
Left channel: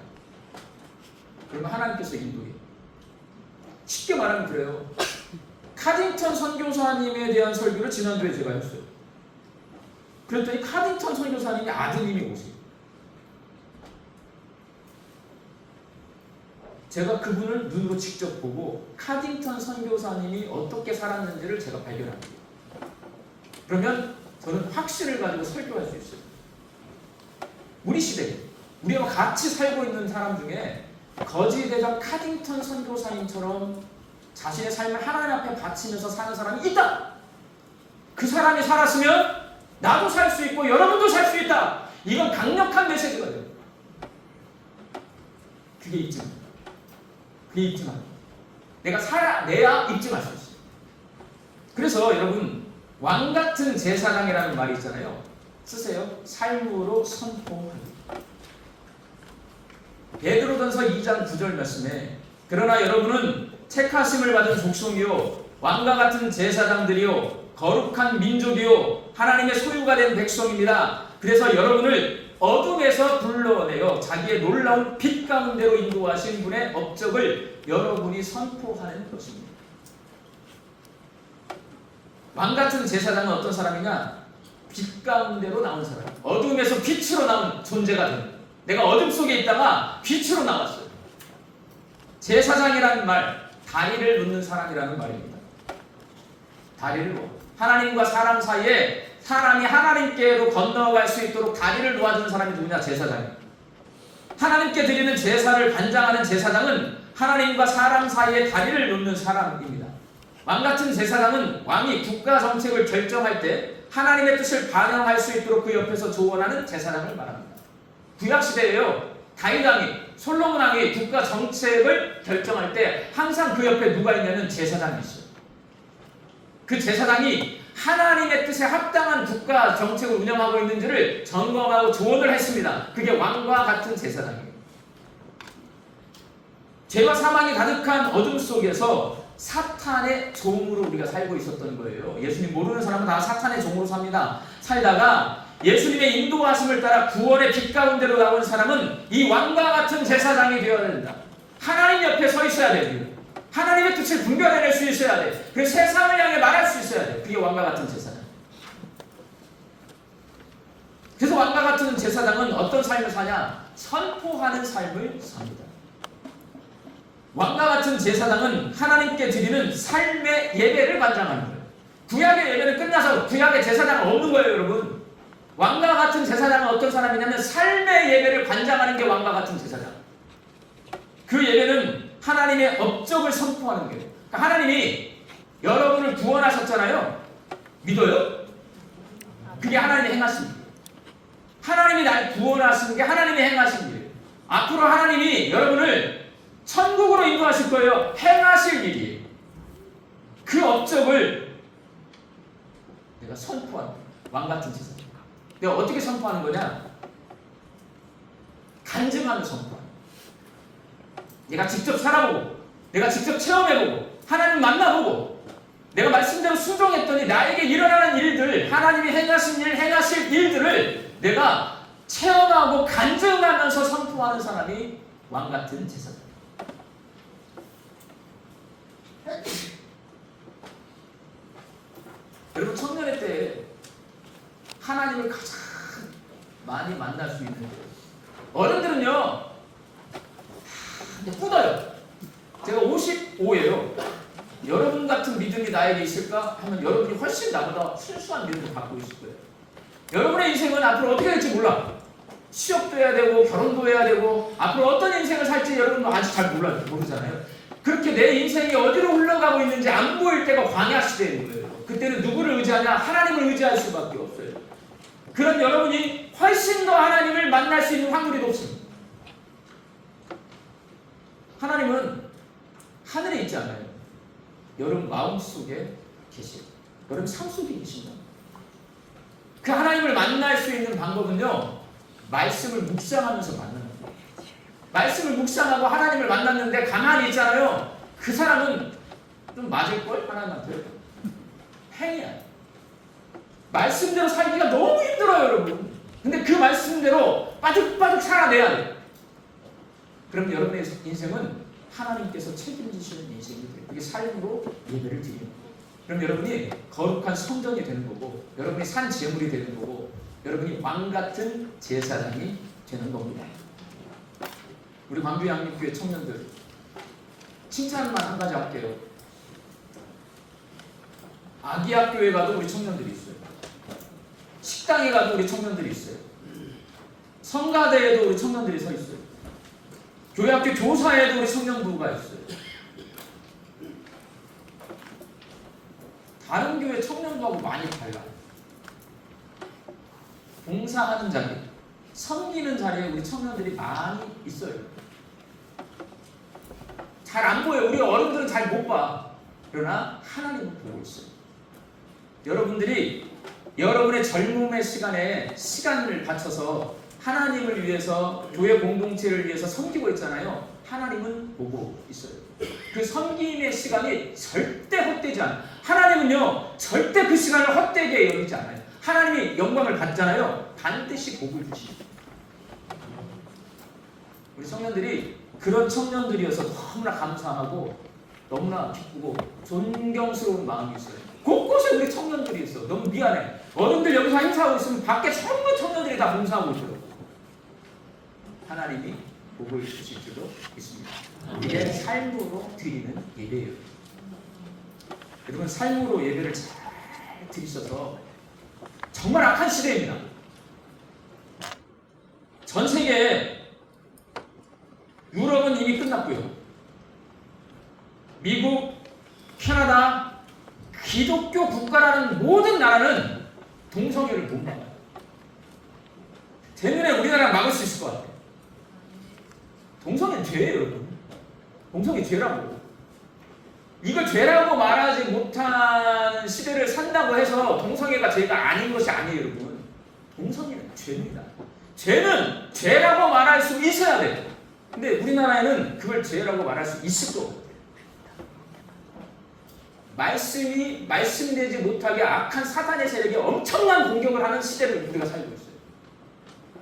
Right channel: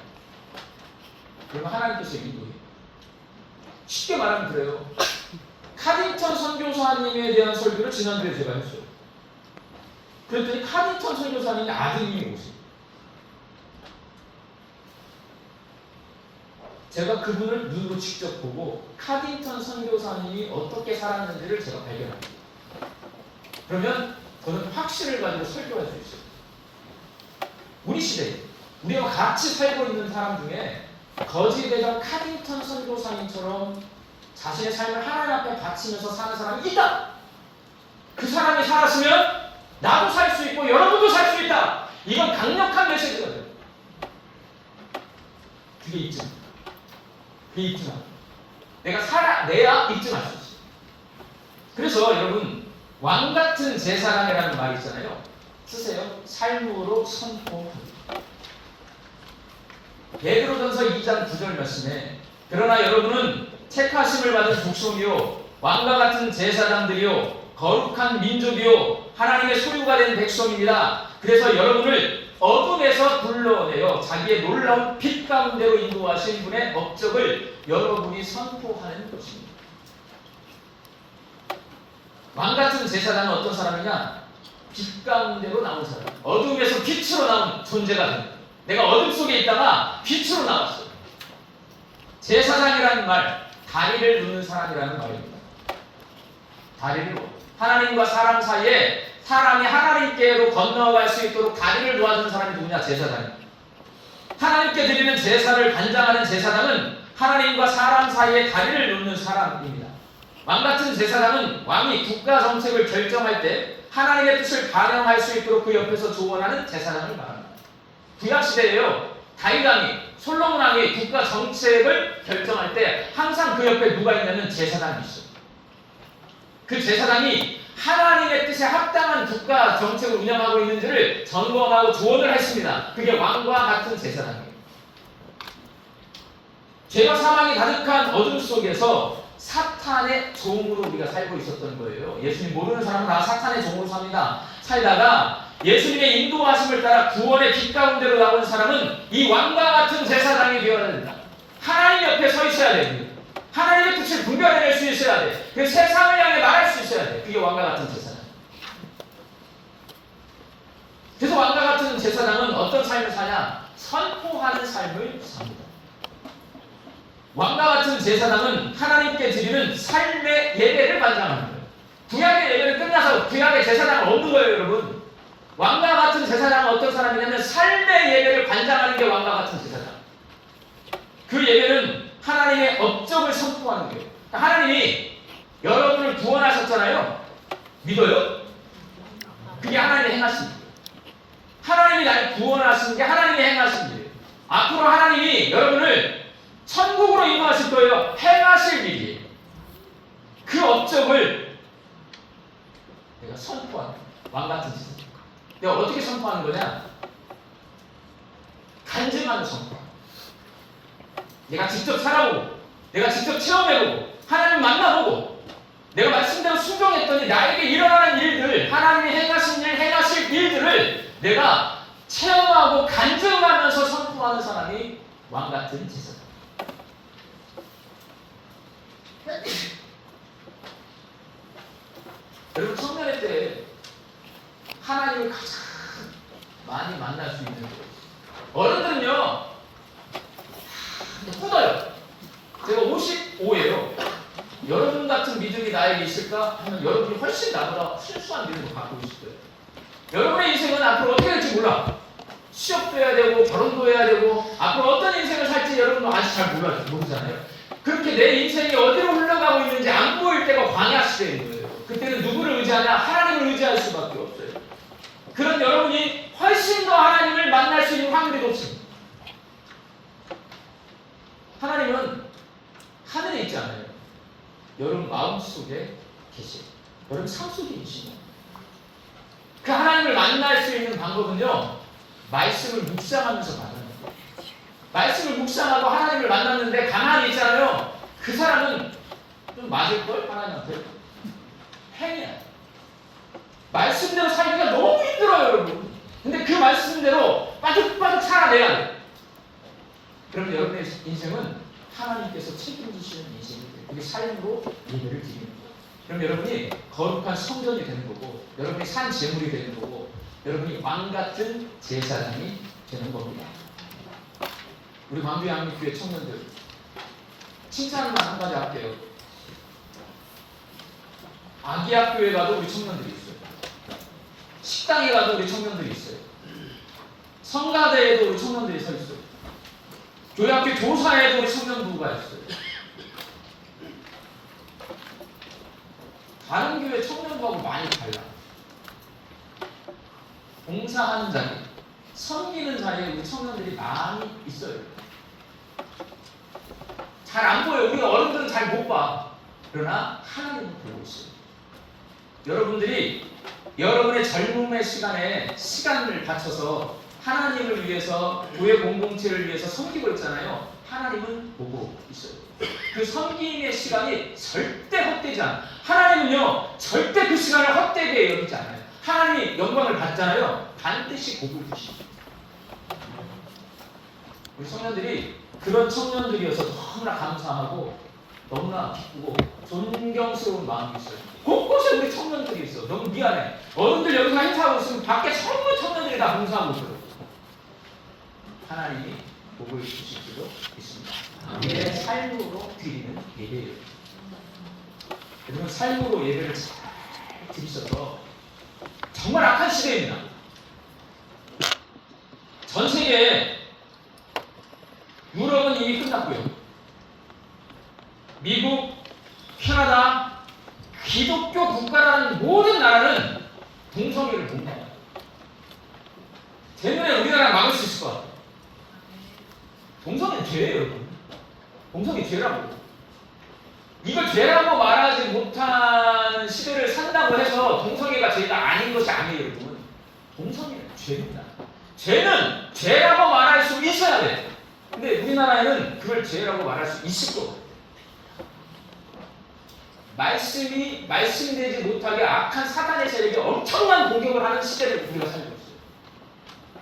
그러면 하나님께서 인도해요. 쉽게 말하면 그래요. 카딘턴 선교사님에 대한 설교를 지난주에 제가 했어요. 그랬더니 카딘턴 선교사님의 아드님이 오세요. 제가 그분을 눈으로 직접 보고 카딘턴 선교사님이 어떻게 살았는지를 제가 발견합니다. 그러면 저는 확신을 가지고 설교할 수 있어요. 우리 시대에 우리가 같이 살고 있는 사람 중에 거지대장 카딘턴 선교사님처럼 자신의 삶을 하나님 앞에 바치면서 사는 사람이 있다. 그 사람이 살았으면 나도 살 수 있고 여러분도 살 수 있다. 이건 강력한 메시지가 돼요. 그게 입증. 그게 입증합니다. 내가 살아내야 입증할 수 있어요. 그래서 여러분 왕같은 제사장이라는 말이 있잖아요. 쓰세요. 삶으로 선포합니다. 베드로전서 2장 9절 말씀에 그러나 여러분은 택하심을 받은 족속이요 왕과 같은 제사장들이요 거룩한 민족이요 하나님의 소유가 된 백성입니다. 그래서 여러분을 어둠에서 불러내어 자기의 놀라운 빛 가운데로 인도하신 분의 업적을 여러분이 선포하는 것입니다. 왕같은 제사장은 어떤 사람이냐? 빛 가운데로 나온 사람. 어둠에서 빛으로 나온 존재가 됩니다. 내가 어둠 속에 있다가 빛으로 나왔어요. 제사장이라는 말, 다리를 놓는 사람이라는 말입니다. 다리를 놓아. 하나님과 사람 사이에 사람이 하나님께로 건너갈 수 있도록 다리를 놓아주는 사람이 누구냐? 제사장입니다. 하나님께 드리는 제사를 관장하는 제사장은 하나님과 사람 사이에 다리를 놓는 사람입니다. 왕같은 제사장은 왕이 국가 정책을 결정할 때 하나님의 뜻을 반영할 수 있도록 그 옆에서 조언하는 제사장을 말합니다. 구약시대에요. 다윗 왕이, 솔로몬 왕이 국가 정책을 결정할 때 항상 그 옆에 누가 있냐면 제사장이 있어요. 그 제사장이 하나님의 뜻에 합당한 국가 정책을 운영하고 있는지를 점검하고 조언을 했습니다. 그게 왕과 같은 제사장이에요. 죄와 사망이 가득한 어둠 속에서 사탄의 종으로 우리가 살고 있었던 거예요. 예수님 모르는 사람은 다 사탄의 종으로 삽니다. 살다가 예수님의 인도하심을 따라 구원의 빛 가운데로 나온 사람은 이 왕과 같은 제사장이 되어야 된다. 하나님 옆에 서 있어야 됩니다. 하나님의 뜻을 분별해낼 수 있어야 돼. 그 세상을 향해 말할 수 있어야 돼. 그게 왕과 같은 제사장. 그래서 왕과 같은 제사장은 어떤 삶을 사냐? 선포하는 삶을 삽니다. 왕과 같은 제사장은 하나님께 드리는 삶의 예배를 관장하는 거예요. 구약의 예배는 끝나서 구약의 제사장은 없는 거예요, 여러분. 왕과 같은 제사장은 어떤 사람이냐면 삶의 예배를 관장하는 게 왕과 같은 제사장. 그 예배는 하나님의 업적을 선포하는 거예요. 그러니까 하나님이 여러분을 구원하셨잖아요. 믿어요? 그게 하나님의 행하신 일이에요. 하나님이 나를 구원하신 게 하나님의 행하신 일이에요. 앞으로 하나님이 여러분을 천국으로 인도하실 거예요. 행하실 일이에요. 그 업적을 내가 선포하는 거예요. 왕같은 제사장. 내가 어떻게 선포하는 거냐? 간증하는 선포. 내가 직접 살아보고, 내가 직접 체험해보고, 하나님 만나보고, 내가 말씀대로 순종했더니 나에게 일어나는 일들, 하나님이 행하신 일, 행하실 일들을 내가 체험하고 간증하면서 선포하는 사람이 왕같은 제사장. 여러분 청년회 때 하나님을 가장 많이 만날 수 있는 거예요. 어른들은요 묻어요. 제가 55예요. 여러분 같은 믿음이 나에게 있을까? 하면 여러분이 훨씬 나보다 순수한 믿음을 갖고 있을 거예요. 여러분의 인생은 앞으로 어떻게 될지 몰라. 취업도 해야 되고 결혼도 해야 되고 앞으로 어떤 인생을 살지 여러분은 아직 잘 모르잖아요. 그렇게 내 인생이 어디로 흘러가고 있는지 안 보일 때가 광야 시대인 거예요. 그때는 누구를 의지하냐? 하나님을 의지할 수밖에 없어요. 그런 여러분이 훨씬 더 하나님을 만날 수 있는 확률이 높습니다. 하나님은 하늘에 있지 않아요. 여러분 마음속에 계세요. 여러분 삶 속에 계십니다. 그 하나님을 만날 수 있는 방법은요, 말씀을 묵상하면서 만나는 거예요. 말씀을 묵상하고 하나님을 만났는데 가만히 있잖아요. 그 사람은 좀 맞을걸? 하나님한테. 팽이야. 말씀대로 살기가 너무 힘들어요, 여러분. 근데 그 말씀대로 빠득빠득 살아내야 돼요. 그럼 여러분의 인생은 하나님께서 책임지시는 인생이 돼요. 그게 삶으로 예배를 드리는 거예요. 그럼 여러분이 거룩한 성전이 되는 거고, 여러분이 산 제물이 되는 거고, 여러분이 왕같은 제사장이 되는 겁니다. 우리 광주 양육교회 청년들 칭찬만 한 가지 할게요. 아기학교에 가도 우리 청년들이 있어요. 식당에 가도 우리 청년들이 있어요. 성가대에도 우리 청년들이 서 있어요. 교회학교 조사에도 우리 청년부가 있어요. 다른 교회 청년부하고 많이 달라요. 봉사하는 자리, 섬기는 자리에 우리 청년들이 많이 있어요. 잘 안 보여요. 우리 어른들은 잘 못 봐. 그러나 하나님은 보고 있어요. 여러분들이 여러분의 젊음의 시간에 시간을 바쳐서 하나님을 위해서, 교회 공동체를 위해서 섬기고 있잖아요. 하나님은 보고 있어요. 그 섬김의 시간이 절대 헛되지 않아요. 하나님은요 절대 그 시간을 헛되게 여기지 않아요. 하나님이 영광을 받잖아요. 반드시 복을 주십니다. 우리 청년들이 그런 청년들이어서 너무나 감사하고 너무나 기쁘고 존경스러운 마음이 있어요. 곳곳에 우리 청년들이 있어. 너무 미안해. 어른들 여기서 행사하고 있으면 밖에 전부 청년들이 다 봉사하고 있어요. 하나님이 복을 주실 수도 있습니다. 이게 삶으로 드리는 예배예요. 여러분 삶으로 예배를 잘 드리셔서 정말 악한 시대입니다. 전 세계에 유럽은 이미 끝났고요. 미국, 캐나다, 기독교 국가라는 모든 나라는 동성애를 못 막아요. 제 눈에 우리나라가 막을 수 있을 것 같아요. 동성애는 죄예요, 여러분. 동성애 죄라고. 이걸 죄라고 말하지 못하는 시대를 산다고 해서 동성애가 죄가 아닌 것이 아니에요, 여러분. 동성애는 죄입니다. 죄는 죄라고 말할 수 있어야 돼요. 근데 우리나라에는 그걸 죄라고 말할 수 있을 거예요. 말씀이 말씀되지 못하게 악한 사단의 세력이 엄청난 공격을 하는 시대를 우리가 살고 있어요.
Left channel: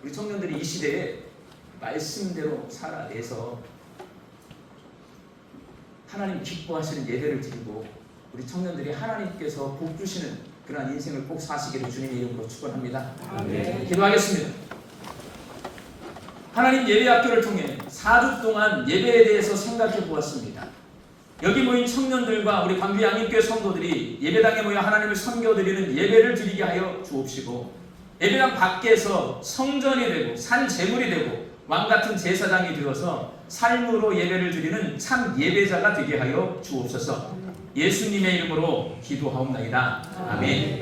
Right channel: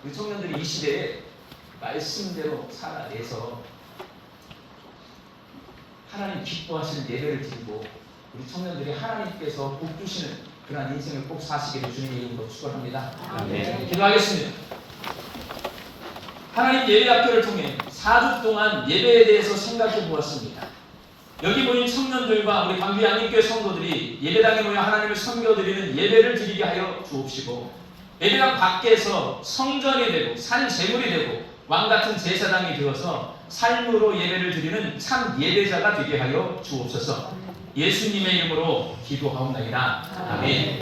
우리 청년들이 이 시대에 말씀대로 살아내서 하나님 기뻐하시는 예배를 드리고 우리 청년들이 하나님께서 복 주시는 그러한 인생을 꼭 사시기를 주님의 이름으로 축원합니다. 네. 기도하겠습니다. 하나님 예배학교를 통해 4주 동안 예배에 대해서 생각해 보았습니다. 여기 모인 청년들과 우리 광주 양림교회 성도들이 예배당에 모여 하나님을 섬겨드리는 예배를 드리게 하여 주옵시고, 예배당 밖에서 성전이 되고 산 제물이 되고 왕같은 제사장이 되어서 삶으로 예배를 드리는 참 예배자가 되게 하여 주옵소서. 예수님의 이름으로 기도하옵나이다. 아멘.